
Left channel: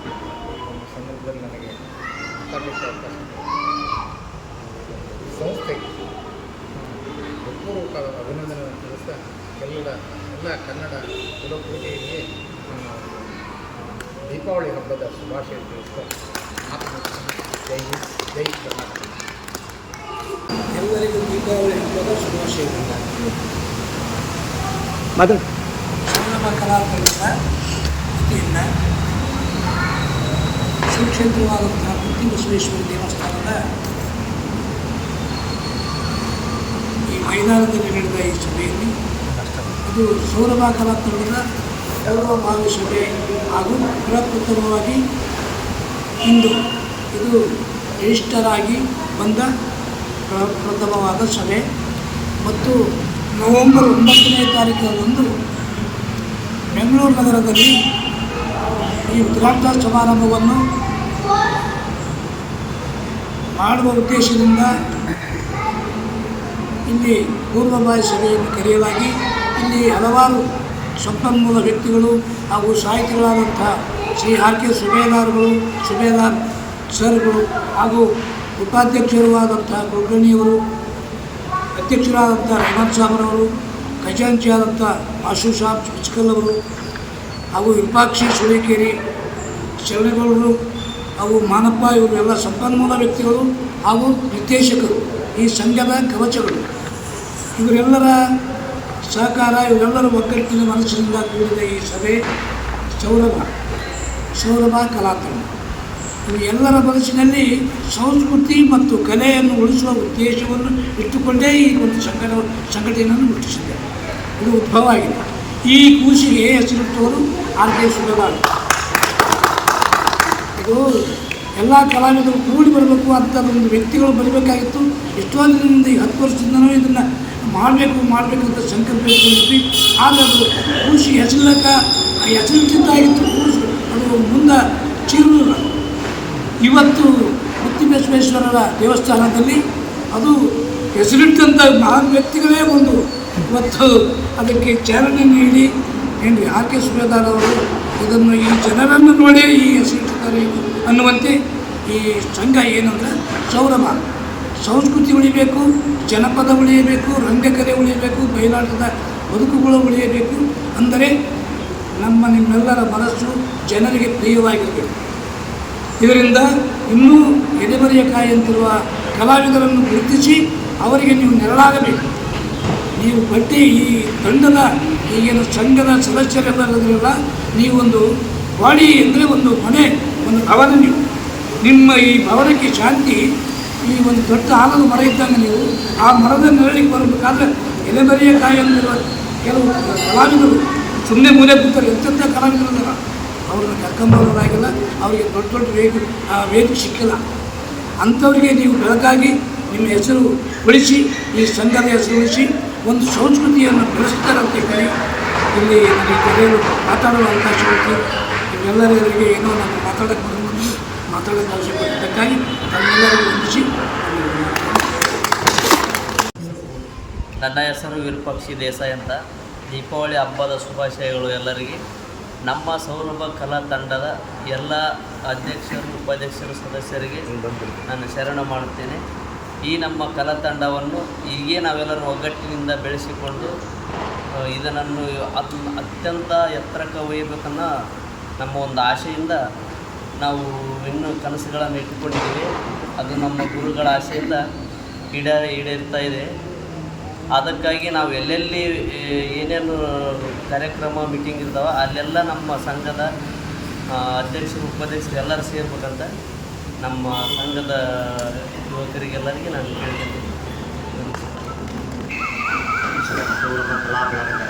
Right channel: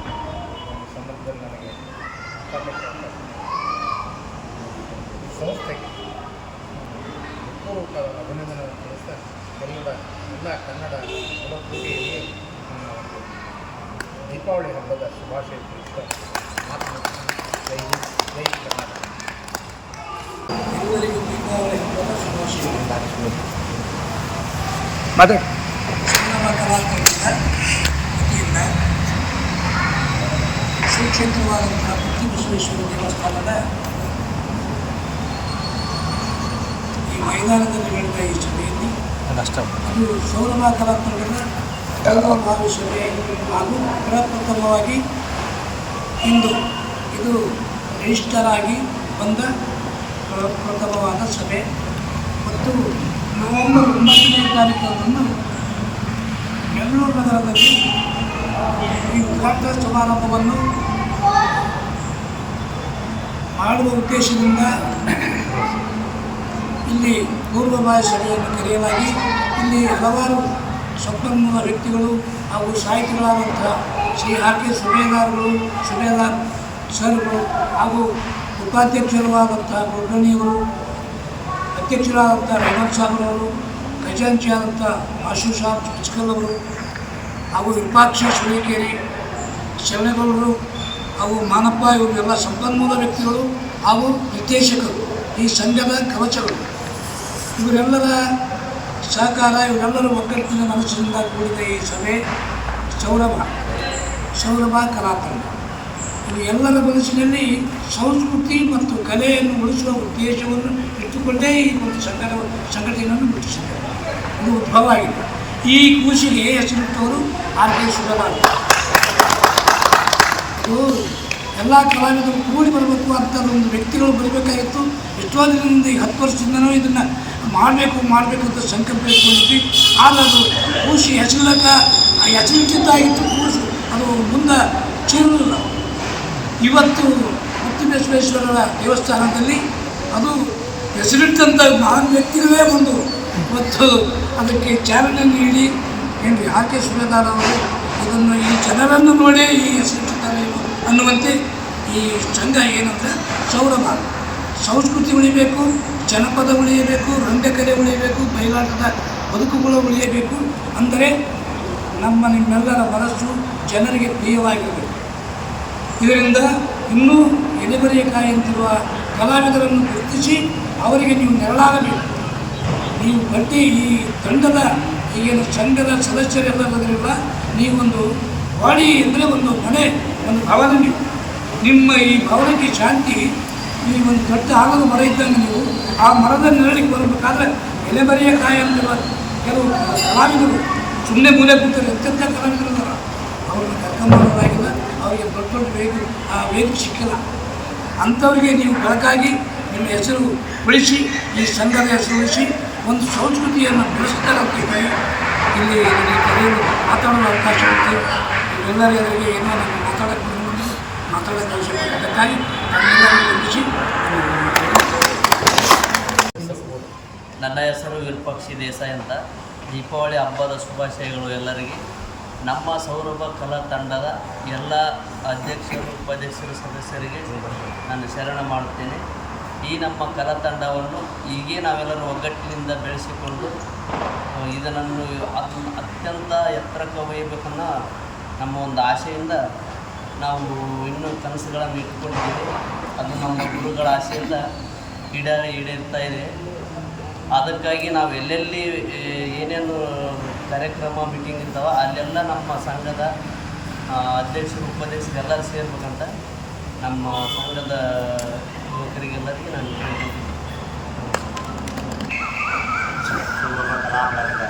ಈ ಒಂದು ಸಂದರ್ಭದಲ್ಲಿ ನನಗೆ ಮಾತಾಡಲಿಕ್ಕೆ ಅವಕಾಶ ಮಾಡಿಕೊಟ್ಟಿದ್ದಾರೆ. ಸಂಸ್ಥೆಗೆ ಹೃತ್ಪೂರ್ವಕ ಅಭಿನಂದನೆ ತಿಳಿಸ್ತಾ ಎಲ್ಲ ಕನ್ನಡ ಕುಲಕೋಟಿಯಲ್ಲಿ ನನ್ನ ಒಂದು ದೀಪಾವಳಿ ಹಬ್ಬದ ಶುಭಾಶಯ ತಿಳಿಸ್ತಾ ಮಾತು ಮುಗಿಸ್ತಾನೆ. ಜೈ ಹಿಂದ್, ಜೈ ಕರ್ನಾಟಕ. ಎಲ್ಲರಿಗೂ ದೀಪಾವಳಿ ಹಬ್ಬದ ಶುಭಾಶಯಗಳು. ಸಂಗಮ ಕಲಾತಂಡದ ವತಿಯಿಂದ ಸುಕ್ಷೇತ್ರವಾದಂತಹ ಪುತ್ತಿ ಬಸವೇಶ್ವರ ದೇವಸ್ಥಾನದ ಈ ಮೈದಾನದಲ್ಲಿ ನಡೆದ ಈ ಸಭೆಯಲ್ಲಿ ಇದು ಸೌರಭ ಕಲಾತಂಡದ ಪೂರ್ವಭಾವಿ ಸಭೆ ಹಾಗೂ ಪ್ರಪ್ರಥಮವಾಗಿ ಇಂದು ಇದು ರಿಜಿಸ್ಟರ್ ಆಗಿ ಬಂದ ಪ್ರಥಮವಾದ ಸಭೆ ಮತ್ತು ನವೆಂಬರ್ 9ನೇ ತಾರೀಕಿನಂದು ಬೆಂಗಳೂರು ನಗರದಲ್ಲಿ ಈ ಉದ್ಘಾಟನಾ ಸಮಾರಂಭವನ್ನು ಮಾಡುವ ಉದ್ದೇಶದಿಂದ ಇಲ್ಲಿ ಪೂರ್ವಭಾವಿ ಸಭೆಯನ್ನು ಕರೆಯಲಾಗಿ ಇಲ್ಲಿ ಹಲವಾರು ಸಂಪನ್ಮೂಲ ವ್ಯಕ್ತಿಗಳು ಹಾಗೂ ಸಾಹಿತಿಗಳಾದಂಥ ಶ್ರೀ ಆರ್ ಕೆ ಸುಬೇದಾರ್ ಸರ್ಗಳು ಹಾಗೂ ಉಪಾಧ್ಯಕ್ಷರಾದಂಥ ಕುಲಕರ್ಣಿಯವರು, ಅಧ್ಯಕ್ಷರಾದಂಥ ರೆಹಮಾನ್ ಸಾಬ್ರವರು, ಖಜಾಂಚಿಯಾದಂಥ ಮಾಸು ಸಾಬ್ ಇಚ್ಕಲ್ ಅವರು ಹಾಗೂ ವಿರೂಪಾಕ್ಷಿ ಸುಳೇಕೇರಿ ಶರಣಗೌಡರು ಹಾಗೂ ಮಾನಪ್ಪ ಇವರು ಎಲ್ಲ ಸಂಪನ್ಮೂಲ ವ್ಯಕ್ತಿಗಳು ಹಾಗೂ ನಿರ್ದೇಶಕರು, ಈ ಸಂಘದ ಕವಚಗಳು, ಇವರೆಲ್ಲರ ಸಹಕಾರ, ಇವರೆಲ್ಲರ ಒಗ್ಗಟ್ಟಿನ ಮನಸ್ಸಿನಿಂದ ಕೂಡಿದ ಈ ಸಭೆ ಸೌರಭ ಕಲಾತಂಡ. ಇವು ಎಲ್ಲರ ಮನಸ್ಸಿನಲ್ಲಿ ಸಂಸ್ಕೃತಿ ಮತ್ತು ಕಲೆಯನ್ನು ಉಳಿಸುವ ಉದ್ದೇಶವನ್ನು ಇಟ್ಟುಕೊಂಡೇ ಈ ಒಂದು ಸಂಘಟನೆಯನ್ನು ರೂಪಿಸಿದ್ದಾರೆ. ಇದು ಉದ್ಭವ ಆಗಿದೆ. ಈ ಕೂಸಿಗೆ ಹೆಸರಿಟ್ಟವರು ಆರ್ ಕೆ ಸುಬೇದಾರ್. ಇದು ಎಲ್ಲ ಕಲಾವಿದರು ಕೂಡಿ ಬರಬೇಕು ಅಂಥದ್ದೊಂದು ವ್ಯಕ್ತಿಗಳು ಬರಬೇಕಾಗಿತ್ತು. ಎಷ್ಟೋ ದಿನದಿಂದ ಈ 10 ವರ್ಷದಿಂದನೂ ಇದನ್ನು ಮಾಡಬೇಕಂತ ಸಂಕಲ್ಪ ಇಟ್ಕೊಂಡಿದ್ವಿ. ಆದರೆ ಅದು ಕೂಸಿ ಹೆಸರಿಟ್ಟಿದ್ದಾಗಿತ್ತು. ಕೂಸು ಅದು ಮುಂದೆ ಚೀರಲಿಲ್ಲ. ಇವತ್ತು ಮುತ್ತಿಬಸವೇಶ್ವರರ ದೇವಸ್ಥಾನದಲ್ಲಿ ಅದು ಹೆಸರಿಟ್ಟಂಥ 4 ವ್ಯಕ್ತಿಗಳೇ ಬಂದು ಇವತ್ತು ಅದಕ್ಕೆ ಚಾಲನೆ ನೀಡಿ ಏನ್ರಿ ಆರ್ ಕೆ ಸುಬೇದಾರ್ ಅವರು ಇದನ್ನು ಈ ಜನರನ್ನು ನೋಡಿ ಈ ಹೆಸರಿಟ್ಟಿದ್ದಾರೆ ಅನ್ನುವಂತೆ ಈ ಸಂಘ ಏನಂದರೆ ಸೌರಭ ಸಂಸ್ಕೃತಿ ಉಳಿಬೇಕು, ಜನಪದ ಉಳಿಯಬೇಕು, ರಂಗಕಲೆ ಉಳಿಯಬೇಕು, ಬಯಲಾಟದ ಬದುಕುಗಳು ಉಳಿಯಬೇಕು. ಅಂದರೆ ನಿಮ್ಮೆಲ್ಲರ ಮನಸ್ಸು ಜನರಿಗೆ ಪ್ರಿಯವಾಗಿರಬೇಕು. ಇದರಿಂದ ಇನ್ನೂ ಎಡೆಬರಿಯ ಕಾಯಂತಿರುವ ಕಲಾವಿದರನ್ನು ಗುರುತಿಸಿ ಅವರಿಗೆ ನೀವು ನೆರಳಾಗಬೇಕು. ನೀವು ಈ ತಂಡದ ಈಗಿನ ಸಂಘದ ಸದಸ್ಯರೆಲ್ಲರಿಲ್ಲ, ನೀವೊಂದು ಬಾಡಿ ಅಂದರೆ ಒಂದು ಮನೆ, ಒಂದು ಭವನ. ನಿಮ್ಮ ಈ ಭವನಕ್ಕೆ ಶಾಂತಿ ಈ ಒಂದು ದೊಡ್ಡ ಆಲದ ಮರ ಇದ್ದಂಗೆ ನೀವು ಆ ಮರದ ನೆರಳಿಗೆ ಬರಬೇಕಾದ್ರೆ ಎಲೆಬರಿಯ ಕಾಯಂತಿರುವ ಕೆಲವು ಕಲಾವಿದರು ಸುಮ್ಮನೆ ಮೂಲೆ ಕೂತಾರೆ. ಎಂತೆಂಥ ಕಲಾವಿದರಲ್ಲ, ಅವ್ರನ್ನ ಕರ್ಕೊಂಬರೋರಾಗಿಲ್ಲ, ಅವರಿಗೆ ದೊಡ್ಡ ವೇದಿಕೆ ಸಿಕ್ಕಿಲ್ಲ. ಅಂಥವ್ರಿಗೆ ನೀವು ಬೆಳಕಾಗಿ ನಿಮ್ಮ ಹೆಸರು ಉಳಿಸಿ, ಈ ಸಂಘದ ಹೆಸರು ಉಳಿಸಿ ಒಂದು ಸಂಸ್ಕೃತಿಯನ್ನು ಬೆಳೆಸ್ತಾರೆ ಅಂತ ಇದ್ದೀನಿ. ಇಲ್ಲಿ ಕರೆಯಲು ಮಾತಾಡಲು ಅವಕಾಶ ಇರುತ್ತೆ. ಎಲ್ಲರಿಗೆ ಏನೋ ನಾನು ಮಾತಾಡೋಕ್ಕೆ ಅವಶ್ಯಪಟ್ಟಿದ್ದಕ್ಕಾಗಿ ನಮ್ಮೆಲ್ಲರಿಗೂ ವಂದಿಸಿ. ನನ್ನ ಹೆಸರು ವಿರೂಪಾಕ್ಷ ದೇಸಾಯಿ ಅಂತ. ದೀಪಾವಳಿ ಹಬ್ಬದ ಶುಭಾಶಯಗಳು ಎಲ್ಲರಿಗೆ. ನಮ್ಮ ಸೌರಭ ಕಲಾ ತಂಡದ ಎಲ್ಲ ಅಧ್ಯಕ್ಷರು, ಉಪಾಧ್ಯಕ್ಷರು, ಸದಸ್ಯರಿಗೆ ನಾನು ಶರಣ ಮಾಡುತ್ತೇನೆ. ಈ ನಮ್ಮ ಕಲಾ ತಂಡವನ್ನು ಹೀಗೆ ನಾವೆಲ್ಲರೂ ಒಗ್ಗಟ್ಟಿನಿಂದ ಬೆಳೆಸಿಕೊಂಡು ಇದನ್ನು ಅತ್ಯಂತ ಎತ್ತರಕ್ಕೆ ಒಯ್ಯಬೇಕನ್ನೋ ನಮ್ಮ ಒಂದು ಆಶೆಯಿಂದ ನಾವು ಇನ್ನೂ ಕನಸುಗಳನ್ನು ಇಟ್ಟುಕೊಂಡಿದ್ದೀವಿ. ಅದು ನಮ್ಮ ಗುರುಗಳ ಆಶೆಯಿಂದ ಈಡೇರ್ತಾ ಇದೆ. ಅದಕ್ಕಾಗಿ ನಾವು ಎಲ್ಲೆಲ್ಲಿ ಏನೇನು ಕಾರ್ಯಕ್ರಮ ಮೀಟಿಂಗ್ ಇರ್ತಾವೆ ಅಲ್ಲೆಲ್ಲ ನಮ್ಮ ಸಂಘದ ಅಧ್ಯಕ್ಷರು, ಉಪಾಧ್ಯಕ್ಷರು ಎಲ್ಲರೂ ಸೇರ್ಬೇಕಂತ ನಮ್ಮ ಸಂಘದ ಯುವಕರಿಗೆಲ್ಲರಿಗೆ ನಾನು ಹೇಳ್ತೀನಿ. ಸೌರಭ ಕಲಾ ಬಳಗದ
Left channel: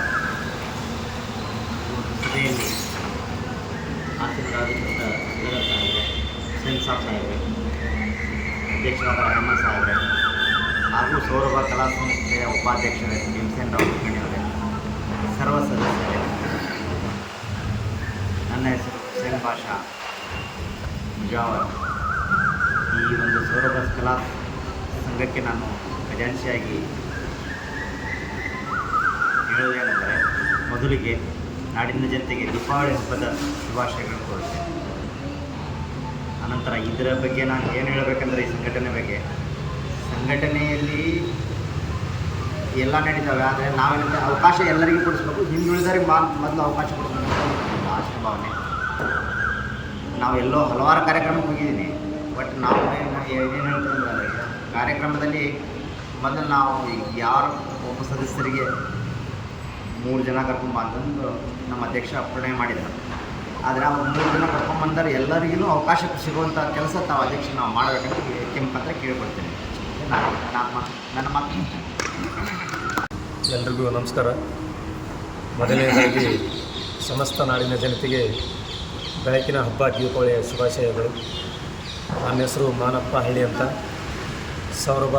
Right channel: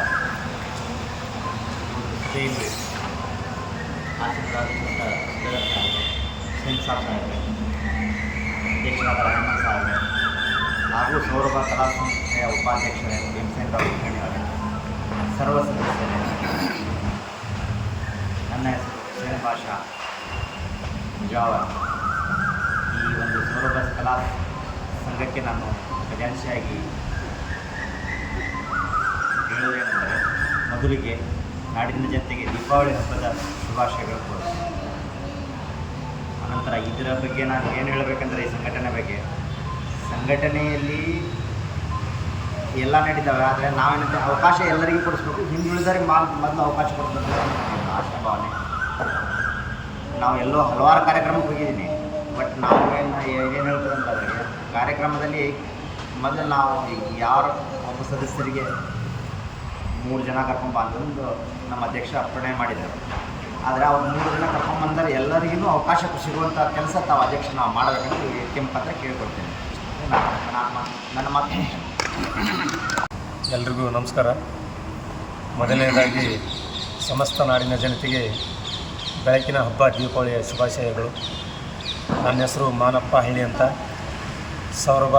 ಸಭೆಯಲ್ಲಿ ಆಶೀರ್ವಾದ ಜಗತ್ ಸಾಹೇಬ್ರೆ, ಸಿಂಗ್ ಸಾಹೇಬ್ರೆ, ಅಧ್ಯಕ್ಷರಾದ ರಹಮಾನ್ ಸಾಹೇಬ್ರೆ ಹಾಗೂ ಸೌರಭ ಕಲಾ ಸಂಸ್ಥೆಯ ಉಪಾಧ್ಯಕ್ಷರೇ ವಿನ್ಸೆಂಟ್ ಅವರೇ, ಸರ್ವ ಸದಸ್ಯರೇ, ನನ್ನ ಹೆಸರು ಹುಸೇನ್ ಬಾಷಾ ಮುಜಾವರ್. ಈ ಒಂದು ಸೌರಭ ಕಲಾ ಸಂಘಕ್ಕೆ ನಾನು ಖಜಾನ್ಸಿಯಾಗಿ ಹೇಳುವುದೇನೆಂದರೆ, ಮೊದಲಿಗೆ ನಾಡಿನ ಜನತೆಗೆ ದೀಪಾವಳಿ ಹಬ್ಬದ ಶುಭಾಶಯಗಳು ಕೋರುತ್ತೇನೆ. ಅನಂತರ ಇದರ ಬಗ್ಗೆ ನಾನು ಏನು ಹೇಳಬೇಕಂದ್ರೆ, ಈ ಸಂಘಟನೆ ಬಗ್ಗೆ, ಸಂಘಟನೆಯಲ್ಲಿ ಎಲ್ಲ ನಡೀತವೆ. ಆದರೆ ನಾವೇನಂತೆ ಅವಕಾಶ ಎಲ್ಲರಿಗೂ ಕೊಡಿಸ್ಬೇಕು, ಹಿಂದುಳಿದವರಿಗೆ ಮೊದಲು ಅವಕಾಶ ಕೊಡಿಸ್ಬೇಕಂತ ನನ್ನ ಆಶಾ ಭಾವನೆ. ನಾವು ಎಲ್ಲೋ ಹಲವಾರು ಕಾರ್ಯಕ್ರಮಕ್ಕೆ ಹೋಗಿದ್ದೀನಿ. ಬಟ್ ನಾವು ಏನೇನು ಹೇಳ್ತೀವಿ ಅಂದ್ರೆ, ಅದರಿಗೆ ಕಾರ್ಯಕ್ರಮದಲ್ಲಿ ಮೊದಲು ನಾವು ಯಾರು ಒಬ್ಬ ಸದಸ್ಯರಿಗೆ 3 ಜನ ಕರ್ಕೊಂಬ ಅಂತಂದು ನಮ್ಮ ಅಧ್ಯಕ್ಷ ಅಪ್ಪಣೆ ಮಾಡಿದರು. ಆದರೆ ಅವ್ರು 3 ಜನ ಕರ್ಕೊಂಬಂದರೆ ಎಲ್ಲರಿಗೂ ಅವಕಾಶ ಸಿಗುವಂಥ ಕೆಲಸ ತಾವು ಅಧ್ಯಕ್ಷ ನಾವು ಮಾಡಬೇಕಂತ ಕೆಂಪತ್ರ ಕೇಳ್ಕೊಳ್ತೇನೆ. ನನ್ನ ಮಾತು. ಎಲ್ರಿಗೂ ನಮಸ್ಕಾರ. ಮೊದಲನೇದಾಗಿ ಸಮಸ್ತ ನಾಡಿನ ಜನತೆಗೆ ಬೆಳಕಿನ ಹಬ್ಬ ದೀಪಾವಳಿಯ ಶುಭಾಶಯಗಳು. ನನ್ನ ಹೆಸರು ಮಾನಪ್ಪ ಹಳ್ಳಿ ಅಂತ. ಸೌರಭ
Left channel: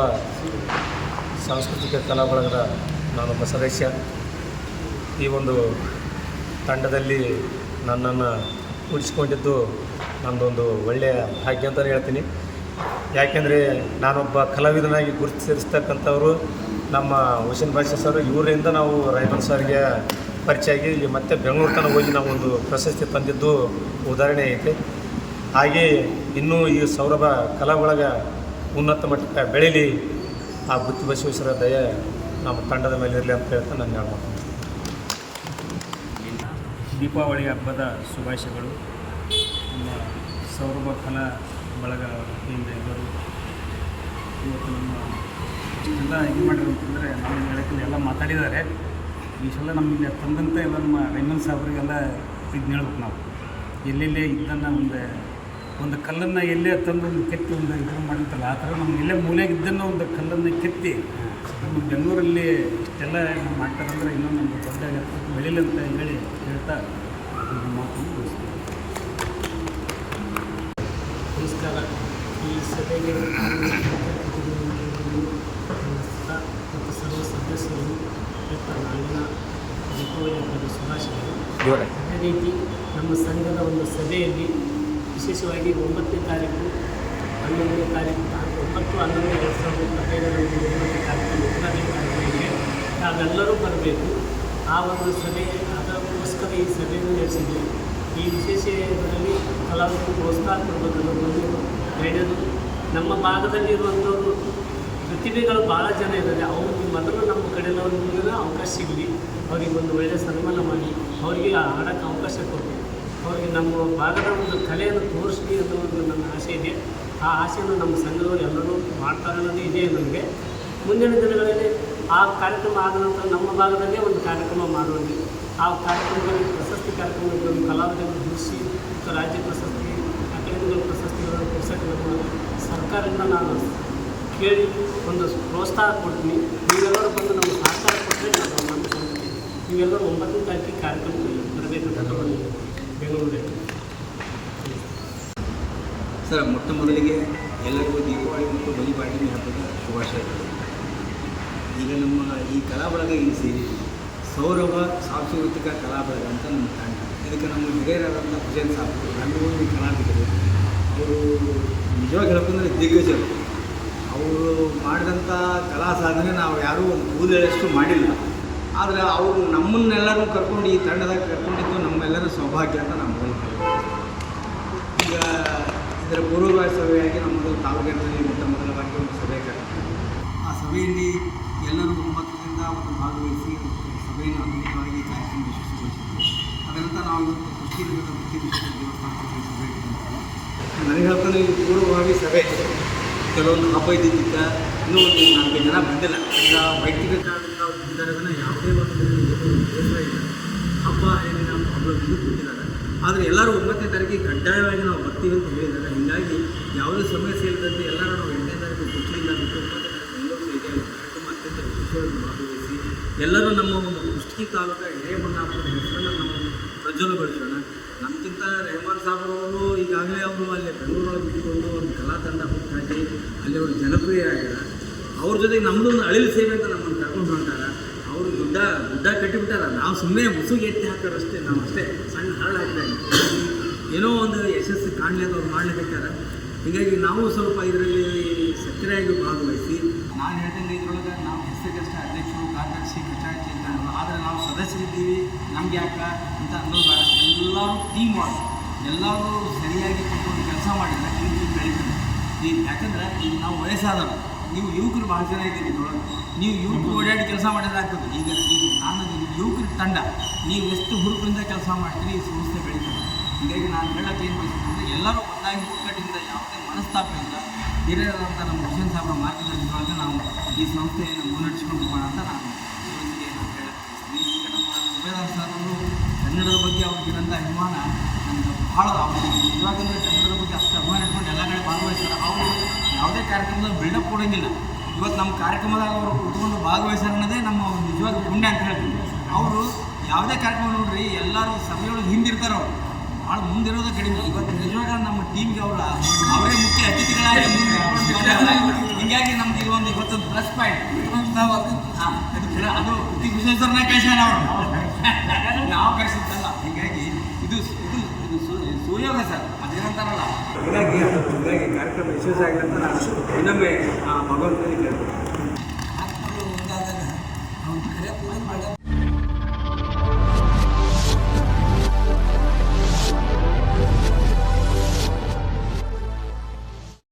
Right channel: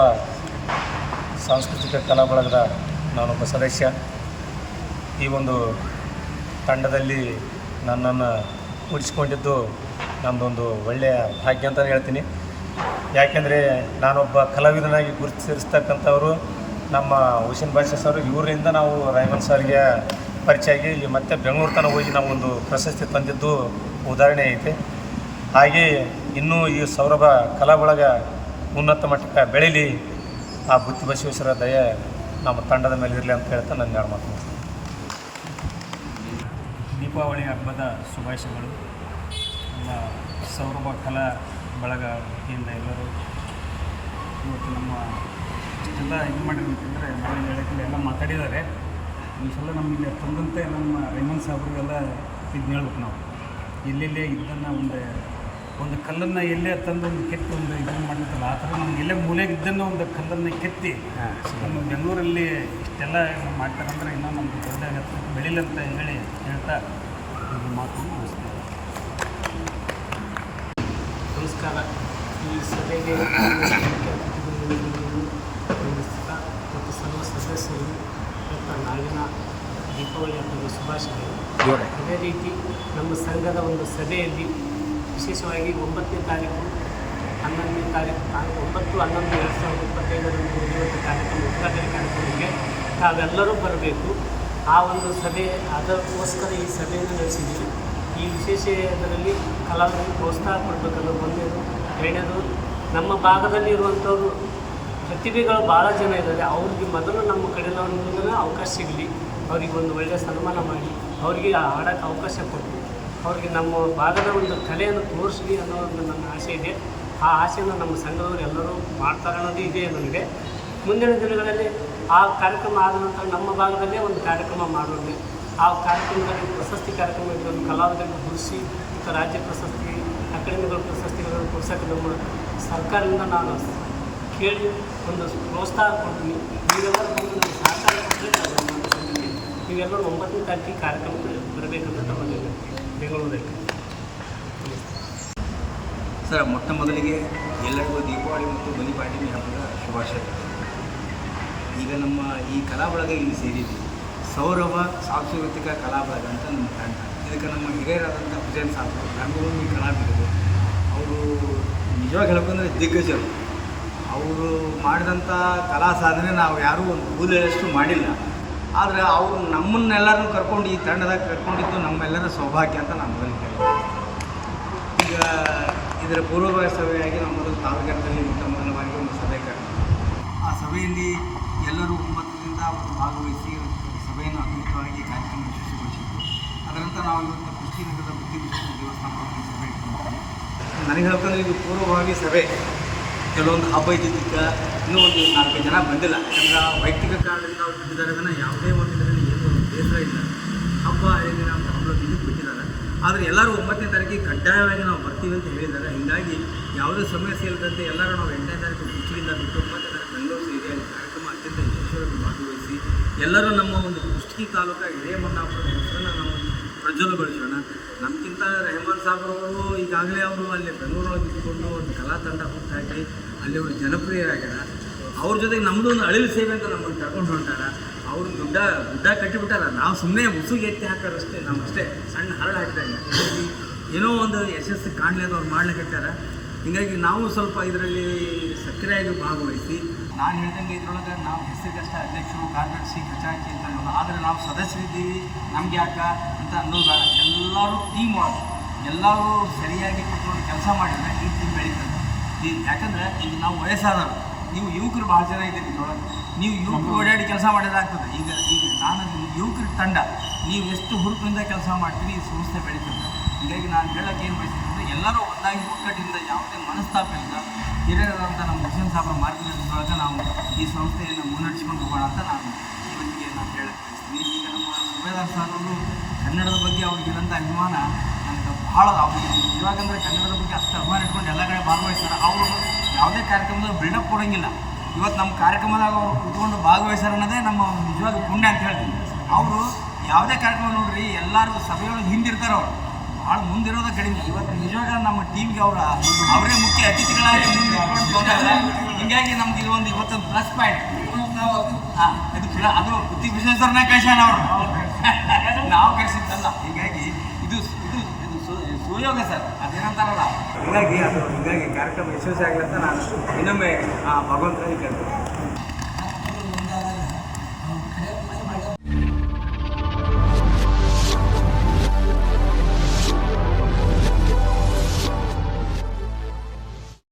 ಸಾಂಸ್ಕೃತಿಕ ಕಲಾ ಬಳಗದ ನಾನೊಬ್ಬ ಸದಸ್ಯ. ಈ ಒಂದು ತಂಡದಲ್ಲಿ ನನ್ನನ್ನು ಕೂಡಿಸಿಕೊಂಡಿದ್ದು ನನ್ನದೊಂದು ಒಳ್ಳೆಯ ಭಾಗ್ಯ ಅಂತಲೇ ಹೇಳ್ತೀನಿ. ಯಾಕೆಂದರೆ ನಾನೊಬ್ಬ ಕಲಾವಿದನಾಗಿ ಗುರುತಿಸಿರ್ತಕ್ಕಂಥವರು ನಮ್ಮ ಹುಸೇನ್ ಬಾಷಾ ಸರ್. ಇವರಿಂದ ನಾವು ರಹಮಾನ್ ಸರ್ಗೆ ಪರಿಚಯ ಆಗಿ ಮತ್ತೆ ಬೆಂಗಳೂರು ತನಕ ಹೋಗಿ ನಾವು ಒಂದು ಪ್ರಶಸ್ತಿ ತಂದಿದ್ದು ಉದಾಹರಣೆ ಐತೆ. ಹಾಗೆ ಇನ್ನೂ ಈ ಸೌರಭ ಕಲಾ ಬಳಗ ಉನ್ನತ ಮಟ್ಟಕ್ಕೆ ಬೆಳೀಲಿ, ಆ ಬುತ್ತಿ ಬಸವೇಶ್ವರ ದಯೆ ನಮ್ಮ ತಂಡದ ಮೇಲೆ ಇರಲಿ ಅಂತ ಹೇಳ್ತಾ ನನ್ನ ಎರಡು ಮಾತು. ದೀಪಾವಳಿ ಹಬ್ಬದ ಶುಭಾಶಯಗಳು. ನಮ್ಮ ಸೌರಭ ಕಲಾ ಬಳಗ ವತಿಯಿಂದ ಎಲ್ಲರೂ ಇವತ್ತು ನಮ್ಮ ಇಷ್ಟೆಲ್ಲ ಇದು ಮಾಡಿದ್ರು ಅಂತಂದರೆ ನಾವು ಹೇಳೋಕ್ಕಿಲ್ಲ, ಎಲ್ಲ ಮಾತಾಡಿದ್ದಾರೆ. ಈ ಸಲ ನಮಗೆ ತಂದಂಥ ಎಲ್ಲ ನಮ್ಮ ರಹಮಾನ್ ಸಾಹೇಬ್ರಿಗೆಲ್ಲ ಇದನ್ನ ಹೇಳ್ಬೇಕು. ನಾವು ಎಲ್ಲೆಲ್ಲೇ ಇದನ್ನು ಒಂದು ಕಲ್ಲನ್ನು ಎಲ್ಲೇ ತಂದು ಒಂದು ಕೆತ್ತಿ ಒಂದು ಇದನ್ನು ಮಾಡಿರ್ತಲ್ಲ, ಆ ಥರ ನಮ್ಮ ಎಲ್ಲೇ ಮೂಲೆಗಿದ್ದನ್ನು ಒಂದು ಕಲ್ಲನ್ನು ಕೆತ್ತಿ ನಮ್ಮ ಬೆಂಗಳೂರಲ್ಲಿ ಇಷ್ಟೆಲ್ಲ ಮಾಡ್ತಾರಂದ್ರೆ ಇನ್ನೂ ನಮಗೆ ದೊಡ್ಡ ಎತ್ತರಕ್ಕೆ ಬೆಳೀಲಿ ಅಂತ ಹೇಳ್ತಾ ಮಾತು ಮುಗಿಸ್ತೀವಿ. ನಮಸ್ಕಾರ. ಈ ಸಭೆಗೆ ಮುಖ್ಯ ಅತಿಥಿಗಳು ಮತ್ತು ಸರ್ವ ಸದಸ್ಯರು ಮತ್ತು ನಾಳಿನ ದೀಪಾವಳಿ ಹಬ್ಬದ ಶುಭಾಶಯಗಳು. ಅದೇ ರೀತಿ ನಮ್ಮ ಸಂಘದ ಒಂದು ಸಭೆಯಲ್ಲಿ ವಿಶೇಷವಾಗಿ 9ನೇ ತಾರೀಕು 11ನೇ ತಾರೀಕು 9/11/2025 ನಡೆಯುವಂಥ ಕಾರ್ಯಕ್ರಮ ಉದ್ಘಾಟನೆ ಕಾರ್ಯಕ್ರಮಕ್ಕೆ ತಾವೆಲ್ಲರೂ ಬರಬೇಕು. ಆ ಒಂದು ಸಭೆ ಅದಕ್ಕೋಸ್ಕರ ಈ ಸಭೆಯನ್ನು ನಡೆಸಿದ್ದೀವಿ. ಈ ವಿಶೇಷ ಇದರಲ್ಲಿ ಕಲಾವಿದರಿಗೆ ಪ್ರೋತ್ಸಾಹ ಕೊಡಬೇಕನ್ನೋ ಒಂದೇದು. ಎರಡನೇದು, ನಮ್ಮ ಭಾಗದಲ್ಲಿ ಇರುವಂಥವ್ರು ಪ್ರತಿಭೆಗಳು ಭಾಳ ಜನ ಇದ್ದಾರೆ. ಅವ್ರಿಗೆ ಮೊದಲು ನಮ್ಮ ಕಡೆಯವ್ರಿಂದ ಅವಕಾಶ ಸಿಗಲಿ, ಅವ್ರಿಗೆ ಒಂದು ಒಳ್ಳೆಯ ಸನ್ಮಾನ ಮಾಡಿ ಅವರಿಗೆ ಆಡೋಕ್ಕೆ ಅವಕಾಶ ಕೊಟ್ಟು ಅವ್ರಿಗೆ ನಮ್ಮ ಭಾಗದ ಒಂದು ಕಲೆಯನ್ನು ತೋರಿಸಲಿ ಅನ್ನೋ ಒಂದು ನನ್ನ ಆಸೆ ಇದೆ. ಆ ಆಸೆಯನ್ನು ನಮ್ಮ ಸಂಘದವರು ಎಲ್ಲರೂ ಮಾಡ್ತಾರೆ ಅನ್ನೋದು ಇದೆ ನನಗೆ. ಮುಂದಿನ ದಿನಗಳಲ್ಲಿ ಆ ಕಾರ್ಯಕ್ರಮ ಆದ ನಂತರ ನಮ್ಮ ಭಾಗದಲ್ಲೇ ಒಂದು ಕಾರ್ಯಕ್ರಮ ಮಾಡೋಣ. ಆ ಕಾರ್ಯಕ್ರಮದಲ್ಲಿ ಪ್ರಶಸ್ತಿ ಕಾರ್ಯಕ್ರಮ ಒಂದು ಕಲಾವಿದರನ್ನು ಗುರುತಿಸಿ ಮತ್ತು ರಾಜ್ಯ ಪ್ರಶಸ್ತಿ, ಅಕಾಡೆಮಿಗಳ ಪ್ರಶಸ್ತಿಗಳನ್ನು ಕೊಡ್ಸೋಕ್ಕೆ ನಮ್ಮ ಸರ್ಕಾರದಿಂದ ನಾನು ಕೇಳಿ ಒಂದು ಪ್ರೋತ್ಸಾಹ ಕೊಡ್ತೀನಿ. ನೀವೆಲ್ಲರೂ ಬಂದು ನಮಗೆ ಸಹಕಾರ ಕೊಟ್ಟರೆ ನಾವು ನಮ್ಮ ಸಂಘಕ್ಕೆ ನೀವೆಲ್ಲರೂ 9ನೇ ತಾರೀಕಿಗೆ ಕಾರ್ಯಕ್ರಮಕ್ಕೆ ಬರಬೇಕಂತ ನಾವು ಬೆಂಗಳೂರಲ್ಲಿ. ಸರ್, ಮೊಟ್ಟ ಮೊದಲಿಗೆ ಎಲ್ಲರಿಗೂ ದೀಪಾವಳಿ ಮತ್ತು ಬಲಿಪಾಡ್ಯಮಿ ಹಬ್ಬದ ಶುಭಾಶಯಗಳು. ಈಗ ನಮ್ಮ ಈ ಕಲಾ ಬಳಗ ಇಲ್ಲಿ ಸೇರಿದ್ವಿ. ಸೌರಭ ಸಾಂಸ್ಕೃತಿಕ ಕಲಾ ಬಳಗ ಅಂತ ನಮ್ಮ ತಂಡ. ಇದಕ್ಕೆ ನಮ್ಮ ಹಿರಿಯರಾದಂಥ ಹುಸೇನ್ ಸಾಬರು, ರಂಗಭೂಮಿ ಕಲಾವಿದರು, ಅವರು ನಿಜವಾಗಿ ಹೇಳ್ಬೇಕಂದ್ರೆ ದಿಗ್ಗಜರು. ಅವರು ಮಾಡಿದಂಥ ಕಲಾ ಸಾಧನೆ ನಾವು ಯಾರೂ ಒಂದು ಕೂದಲಷ್ಟು ಮಾಡಿಲ್ಲ. ಆದರೆ ಅವರು ನಮ್ಮನ್ನೆಲ್ಲರೂ ಕರ್ಕೊಂಡು ಈ ತಂಡದಾಗ ಕರ್ಕೊಂಡಿದ್ದು ನಮ್ಮೆಲ್ಲರ ಸೌಭಾಗ್ಯ ಅಂತ ನಾನು ಮೊದಲು ಹೇಳ್ತೀನಿ. ಈಗ ಇದರ ಪೂರ್ವಭಾವಿ ಸಭೆಯಾಗಿ ನಾವು ಮೊದಲು ತಾವರೆಕೆರೆಯಲ್ಲಿ ಮೊದಲ ಬಾರಿಗೆ ಒಂದು ಸಭೆ ಕರೆದಿದ್ವಿ. ಆ ಸಭೆಯಲ್ಲಿ ಎಲ್ಲರೂ 9ರಿಂದ ಒಂದು ಭಾಗವಹಿಸಿ ಸಭೆಯನ್ನು ಅದ್ಭುತವಾಗಿ ಕಾರ್ಯಕ್ರಮ ಯಶಸ್ವಿಗೊಳಿಸಿದ್ವಿ. ಅದರಂತೆ ನಾವು ಇವತ್ತು ಕುಷ್ಟೀನಗರದ ಬುದ್ಧಿವಿಶ್ವ ದೇವಸ್ಥಾನದಲ್ಲಿ ಸಭೆ ಇಟ್ಕೊಂಡಿದ್ವಿ. ನನಗೆ ಹೇಳ್ಕೊಂಡು ಇದು ಪೂರ್ವಭಾವಿ ಸಭೆ. ಕೆಲವೊಂದು ಹಬ್ಬ ಇದ್ದಿದ್ದಕ್ಕೆ ಇನ್ನೂ ಒಂದು 4-5 ಜನ ಬಂದಿಲ್ಲ. ಯಾಕಂದ್ರೆ ವೈಯಕ್ತಿಕ ಕಾರಣದಿಂದ ಅವ್ರು ಬಂದಿದ್ದಾರೆ ವಿನ ಯಾವುದೇ ಒಂದು ಇದರಲ್ಲಿ ಏನು ಬೇಸರ ಇಲ್ಲ. ಹಬ್ಬ ಏನೇನು ಪ್ರಾಬ್ಲಮ್ ಇದು ಬಿಟ್ಟಿದ್ದಾರೆ. ಆದರೆ ಎಲ್ಲರೂ 9ನೇ ತಾರೀಕಿಗೆ ಕಡ್ಡಾಯವಾಗಿ ನಾವು ಬರ್ತೀವಿ ಅಂತ ಹೇಳಿದ್ದಾರೆ. ಹೀಗಾಗಿ ಯಾವುದೇ ಸಮಸ್ಯೆ ಇಲ್ಲದಂತೆ ಎಲ್ಲರೂ ನಾವು 8ನೇ ತಾರೀಕು ಕುಷ್ಟಲಿಯಿಂದ ಬಿಟ್ಟು 9ನೇ ತಾರೀಕು ಬೆಂಗಳೂರು ಏರಿಯಾದಲ್ಲಿ ಕಾರ್ಯಕ್ರಮ ಅತ್ಯಂತ ಯಶಸ್ವಿಯಾಗಿ ಭಾಗವಹಿಸಿ ಎಲ್ಲರೂ ನಮ್ಮ ಒಂದು ಕುಷ್ಟಗಿ ತಾಲೂಕು ಹಿರೇಮನ್ನಾಪುರದ ಹೆಸರನ್ನು ನಾವು ಪ್ರಜ್ವಲಗೊಳಿಸೋಣ. ನಮಗಿಂತ ರೆಹಮಾನ್ ಸಾಬ್ರವರು ಈಗಾಗಲೇ ಅವರು ಅಲ್ಲಿ ಬೆಂಗಳೂರೊಳಗೆ ಇದ್ದುಕೊಂಡು ಒಂದು ಕಲಾ ತಂಡ ಹುಟ್ಟಾಕಿ ಅಲ್ಲಿ ಅವರು ಜನಪ್ರಿಯರಾಗ್ಯಾರ. ಅವ್ರ ಜೊತೆಗೆ ನಮ್ಮದು ಒಂದು ಅಳಿಲು ಸೇವೆ ಅಂತ ನಮ್ಮನ್ನು ಕರ್ಕೊಂಡು ಹೊಂಟಾರ. ಅವರು ಗುಡ್ಡ ಕಟ್ಟಿಬಿಟ್ಟಾರ. ನಾವು ಸುಮ್ಮನೆ ಮುಸುಗೆ ಎತ್ತಿ ಹಾಕೋರಷ್ಟೇ, ನಾವು ಅಷ್ಟೇ ಸಣ್ಣ ಹರಳು ಹಾಕಿದಾಗ ಏನೋ ಒಂದು ಯಶಸ್ಸು ಕಾಣಲಿಕ್ಕೆ ಅವ್ರು ಮಾಡ್ಲಿಕ್ಕತ್ತಾರ. ಹೀಗಾಗಿ ನಾವು ಸ್ವಲ್ಪ ಇದರಲ್ಲಿ ಸಕ್ರಿಯವಾಗಿ ಭಾಗವಹಿಸಿ, ನಾನು ಹೇಳ್ದಂಗೆ ಇದರೊಳಗೆ ನಾವು ಹೆಸರಿಗಷ್ಟೇ ಅಧ್ಯಕ್ಷರು, ಕಾರ್ಯದರ್ಶಿ, ಕಚಾಕಿ ಅಂತ ಅನ್ನೋದು. ಆದರೆ ನಾವು ಸದಸ್ಯರಿದ್ದೀವಿ, ನಮ್ಗೆ ಯಾಕೆ ಅಂತ ಅನ್ನೋದು ಎಲ್ಲರೂ ಟೀಮ್ ವರ್ಕ್, ಎಲ್ಲರೂ ಸರಿಯಾಗಿ ತಿಳ್ಕೊಂಡು ಕೆಲಸ ಮಾಡಿದರೆ ಈ ಟೀಮ್ ಬೆಳೀತದೆ. ಈಗ ಯಾಕಂದರೆ ಈಗ ನಾವು ವಯಸ್ಸಾದವರು, ನೀವು ಯುವಕರು ಭಾಳ ಜನ ಇದ್ದೀರಿ ಇದರೊಳಗೆ, ನೀವು ಯುವಕರು ಓಡಾಡಿ ಕೆಲಸ ಮಾಡಿದಾಗ್ತದೆ. ಈಗ ನಾನು ಯುವಕರ ತಂಡ, ನೀವು ಎಷ್ಟು ಹುರುಪಿನಿಂದ ಕೆಲಸ ಮಾಡ್ತೀರಿ ಈ ಸಂಸ್ಥೆ ಬೆಳೀತದೆ. ಹೀಗಾಗಿ ನಾನು ಹೇಳೋಕ್ಕೆ ಏನು ಬಯಸ್ತಂದರೆ ಎಲ್ಲರೂ ಒಂದಾಗಿ ಒಗ್ಗಟ್ಟಿನಿಂದ ಯಾವುದೇ ಮನಸ್ತಾಪ ಇಲ್ಲ ಹಿರಿಯರಾದಂಥ ನಮ್ಮ ಹುಸೇನ್ ಸಾಬ್ರ ಮಾರ್ಗದರ್ಶನದೊಳಗೆ ನಾವು ಈ ಸಂಸ್ಥೆಯನ್ನು ಮುನ್ನಡೆಸ್ಕೊಂಡು ಹೋಗೋಣ ಅಂತ ನಾನು ಇವತ್ತಿಗೆ ನಾವು ಹೇಳಕ್ಕೆ ಬಯಸ್ತೀನಿ. ಈಗ ನಮ್ಮ ಸುಬೇದಾರ್ ಸರ್ ಅವರು ಕನ್ನಡದ ಬಗ್ಗೆ ಅವ್ರಿಗಿರೋಂಥ ಅಭಿಮಾನ ನಮ್ಗೆ ಭಾಳ, ಅವ್ರಿಗೆ ಇವಾಗಂದರೆ ಕನ್ನಡದ ಬಗ್ಗೆ ಅಷ್ಟು ಅಭಿಮಾನ ಇಟ್ಕೊಂಡು ಎಲ್ಲ ಕಡೆ ಭಾಗವಹಿಸ್ತಾರೆ. ಅವರು ಯಾವುದೇ ಕಾರ್ಯಕ್ರಮದಾಗ ಬಿಲ್ಡಪ್ ಕೊಡೋಂಗಿಲ್ಲ. ಇವತ್ತು ನಮ್ಮ ಕಾರ್ಯಕ್ರಮದಾಗ ಅವರು ಉಟ್ಕೊಂಡು ಭಾಗವಹಿಸ್ತಾರೆ ಅನ್ನೋದೇ ನಮ್ಮ ನಿಜವಾದ ಪುಣ್ಯ ಅಂತ ಹೇಳ್ತೀನಿ. ಅವರು ಯಾವುದೇ ಕಾರ್ಯಕ್ರಮ ನೋಡ್ರಿ ಎಲ್ಲರೂ ಸಭೆಯೊಳಗೆ ಹಿಂದಿರ್ತಾರೆ. ಅವರು ಭಾಳ ಮುಂದಿರೋದು ಕಡಿಮೆ. ಇವತ್ತು ನಿಜವಾಗ ನಮ್ಮ ಟೀಮ್ಗೆ ಅವರೇ ಮುಖ್ಯ ಅತಿಥಿಗಳಾಗಿ ಹೀಗಾಗಿ ನಮ್ಗೆ ಇರುವಂಥ ಇವತ್ತೊಂದು ಪ್ಲಸ್ ಪಾಯಿಂಟ್. ಅದು ಪ್ರತಿ ವಿಶ್ವೇಶ್ವರನ ಕಳಿಸ್ಯಾನ ಅವರು, ನಾವು ಕಳಿಸಿದ್ದಲ್ಲ. ಹೀಗಾಗಿ ಇದು ಸುಯೋಗ ಸರ್, ಅದೇನಂತಾರಲ್ಲ. ಹೀಗಾಗಿ ಕಾರ್ಯಕ್ರಮ ಯಶಸ್ವಿ ಆಗಲಿ ಅಂತ ನಾನು ಇನ್ನೊಮ್ಮೆ ಭಗವಂತನಲ್ಲಿ ಕೇಳ್ತೀನಿ.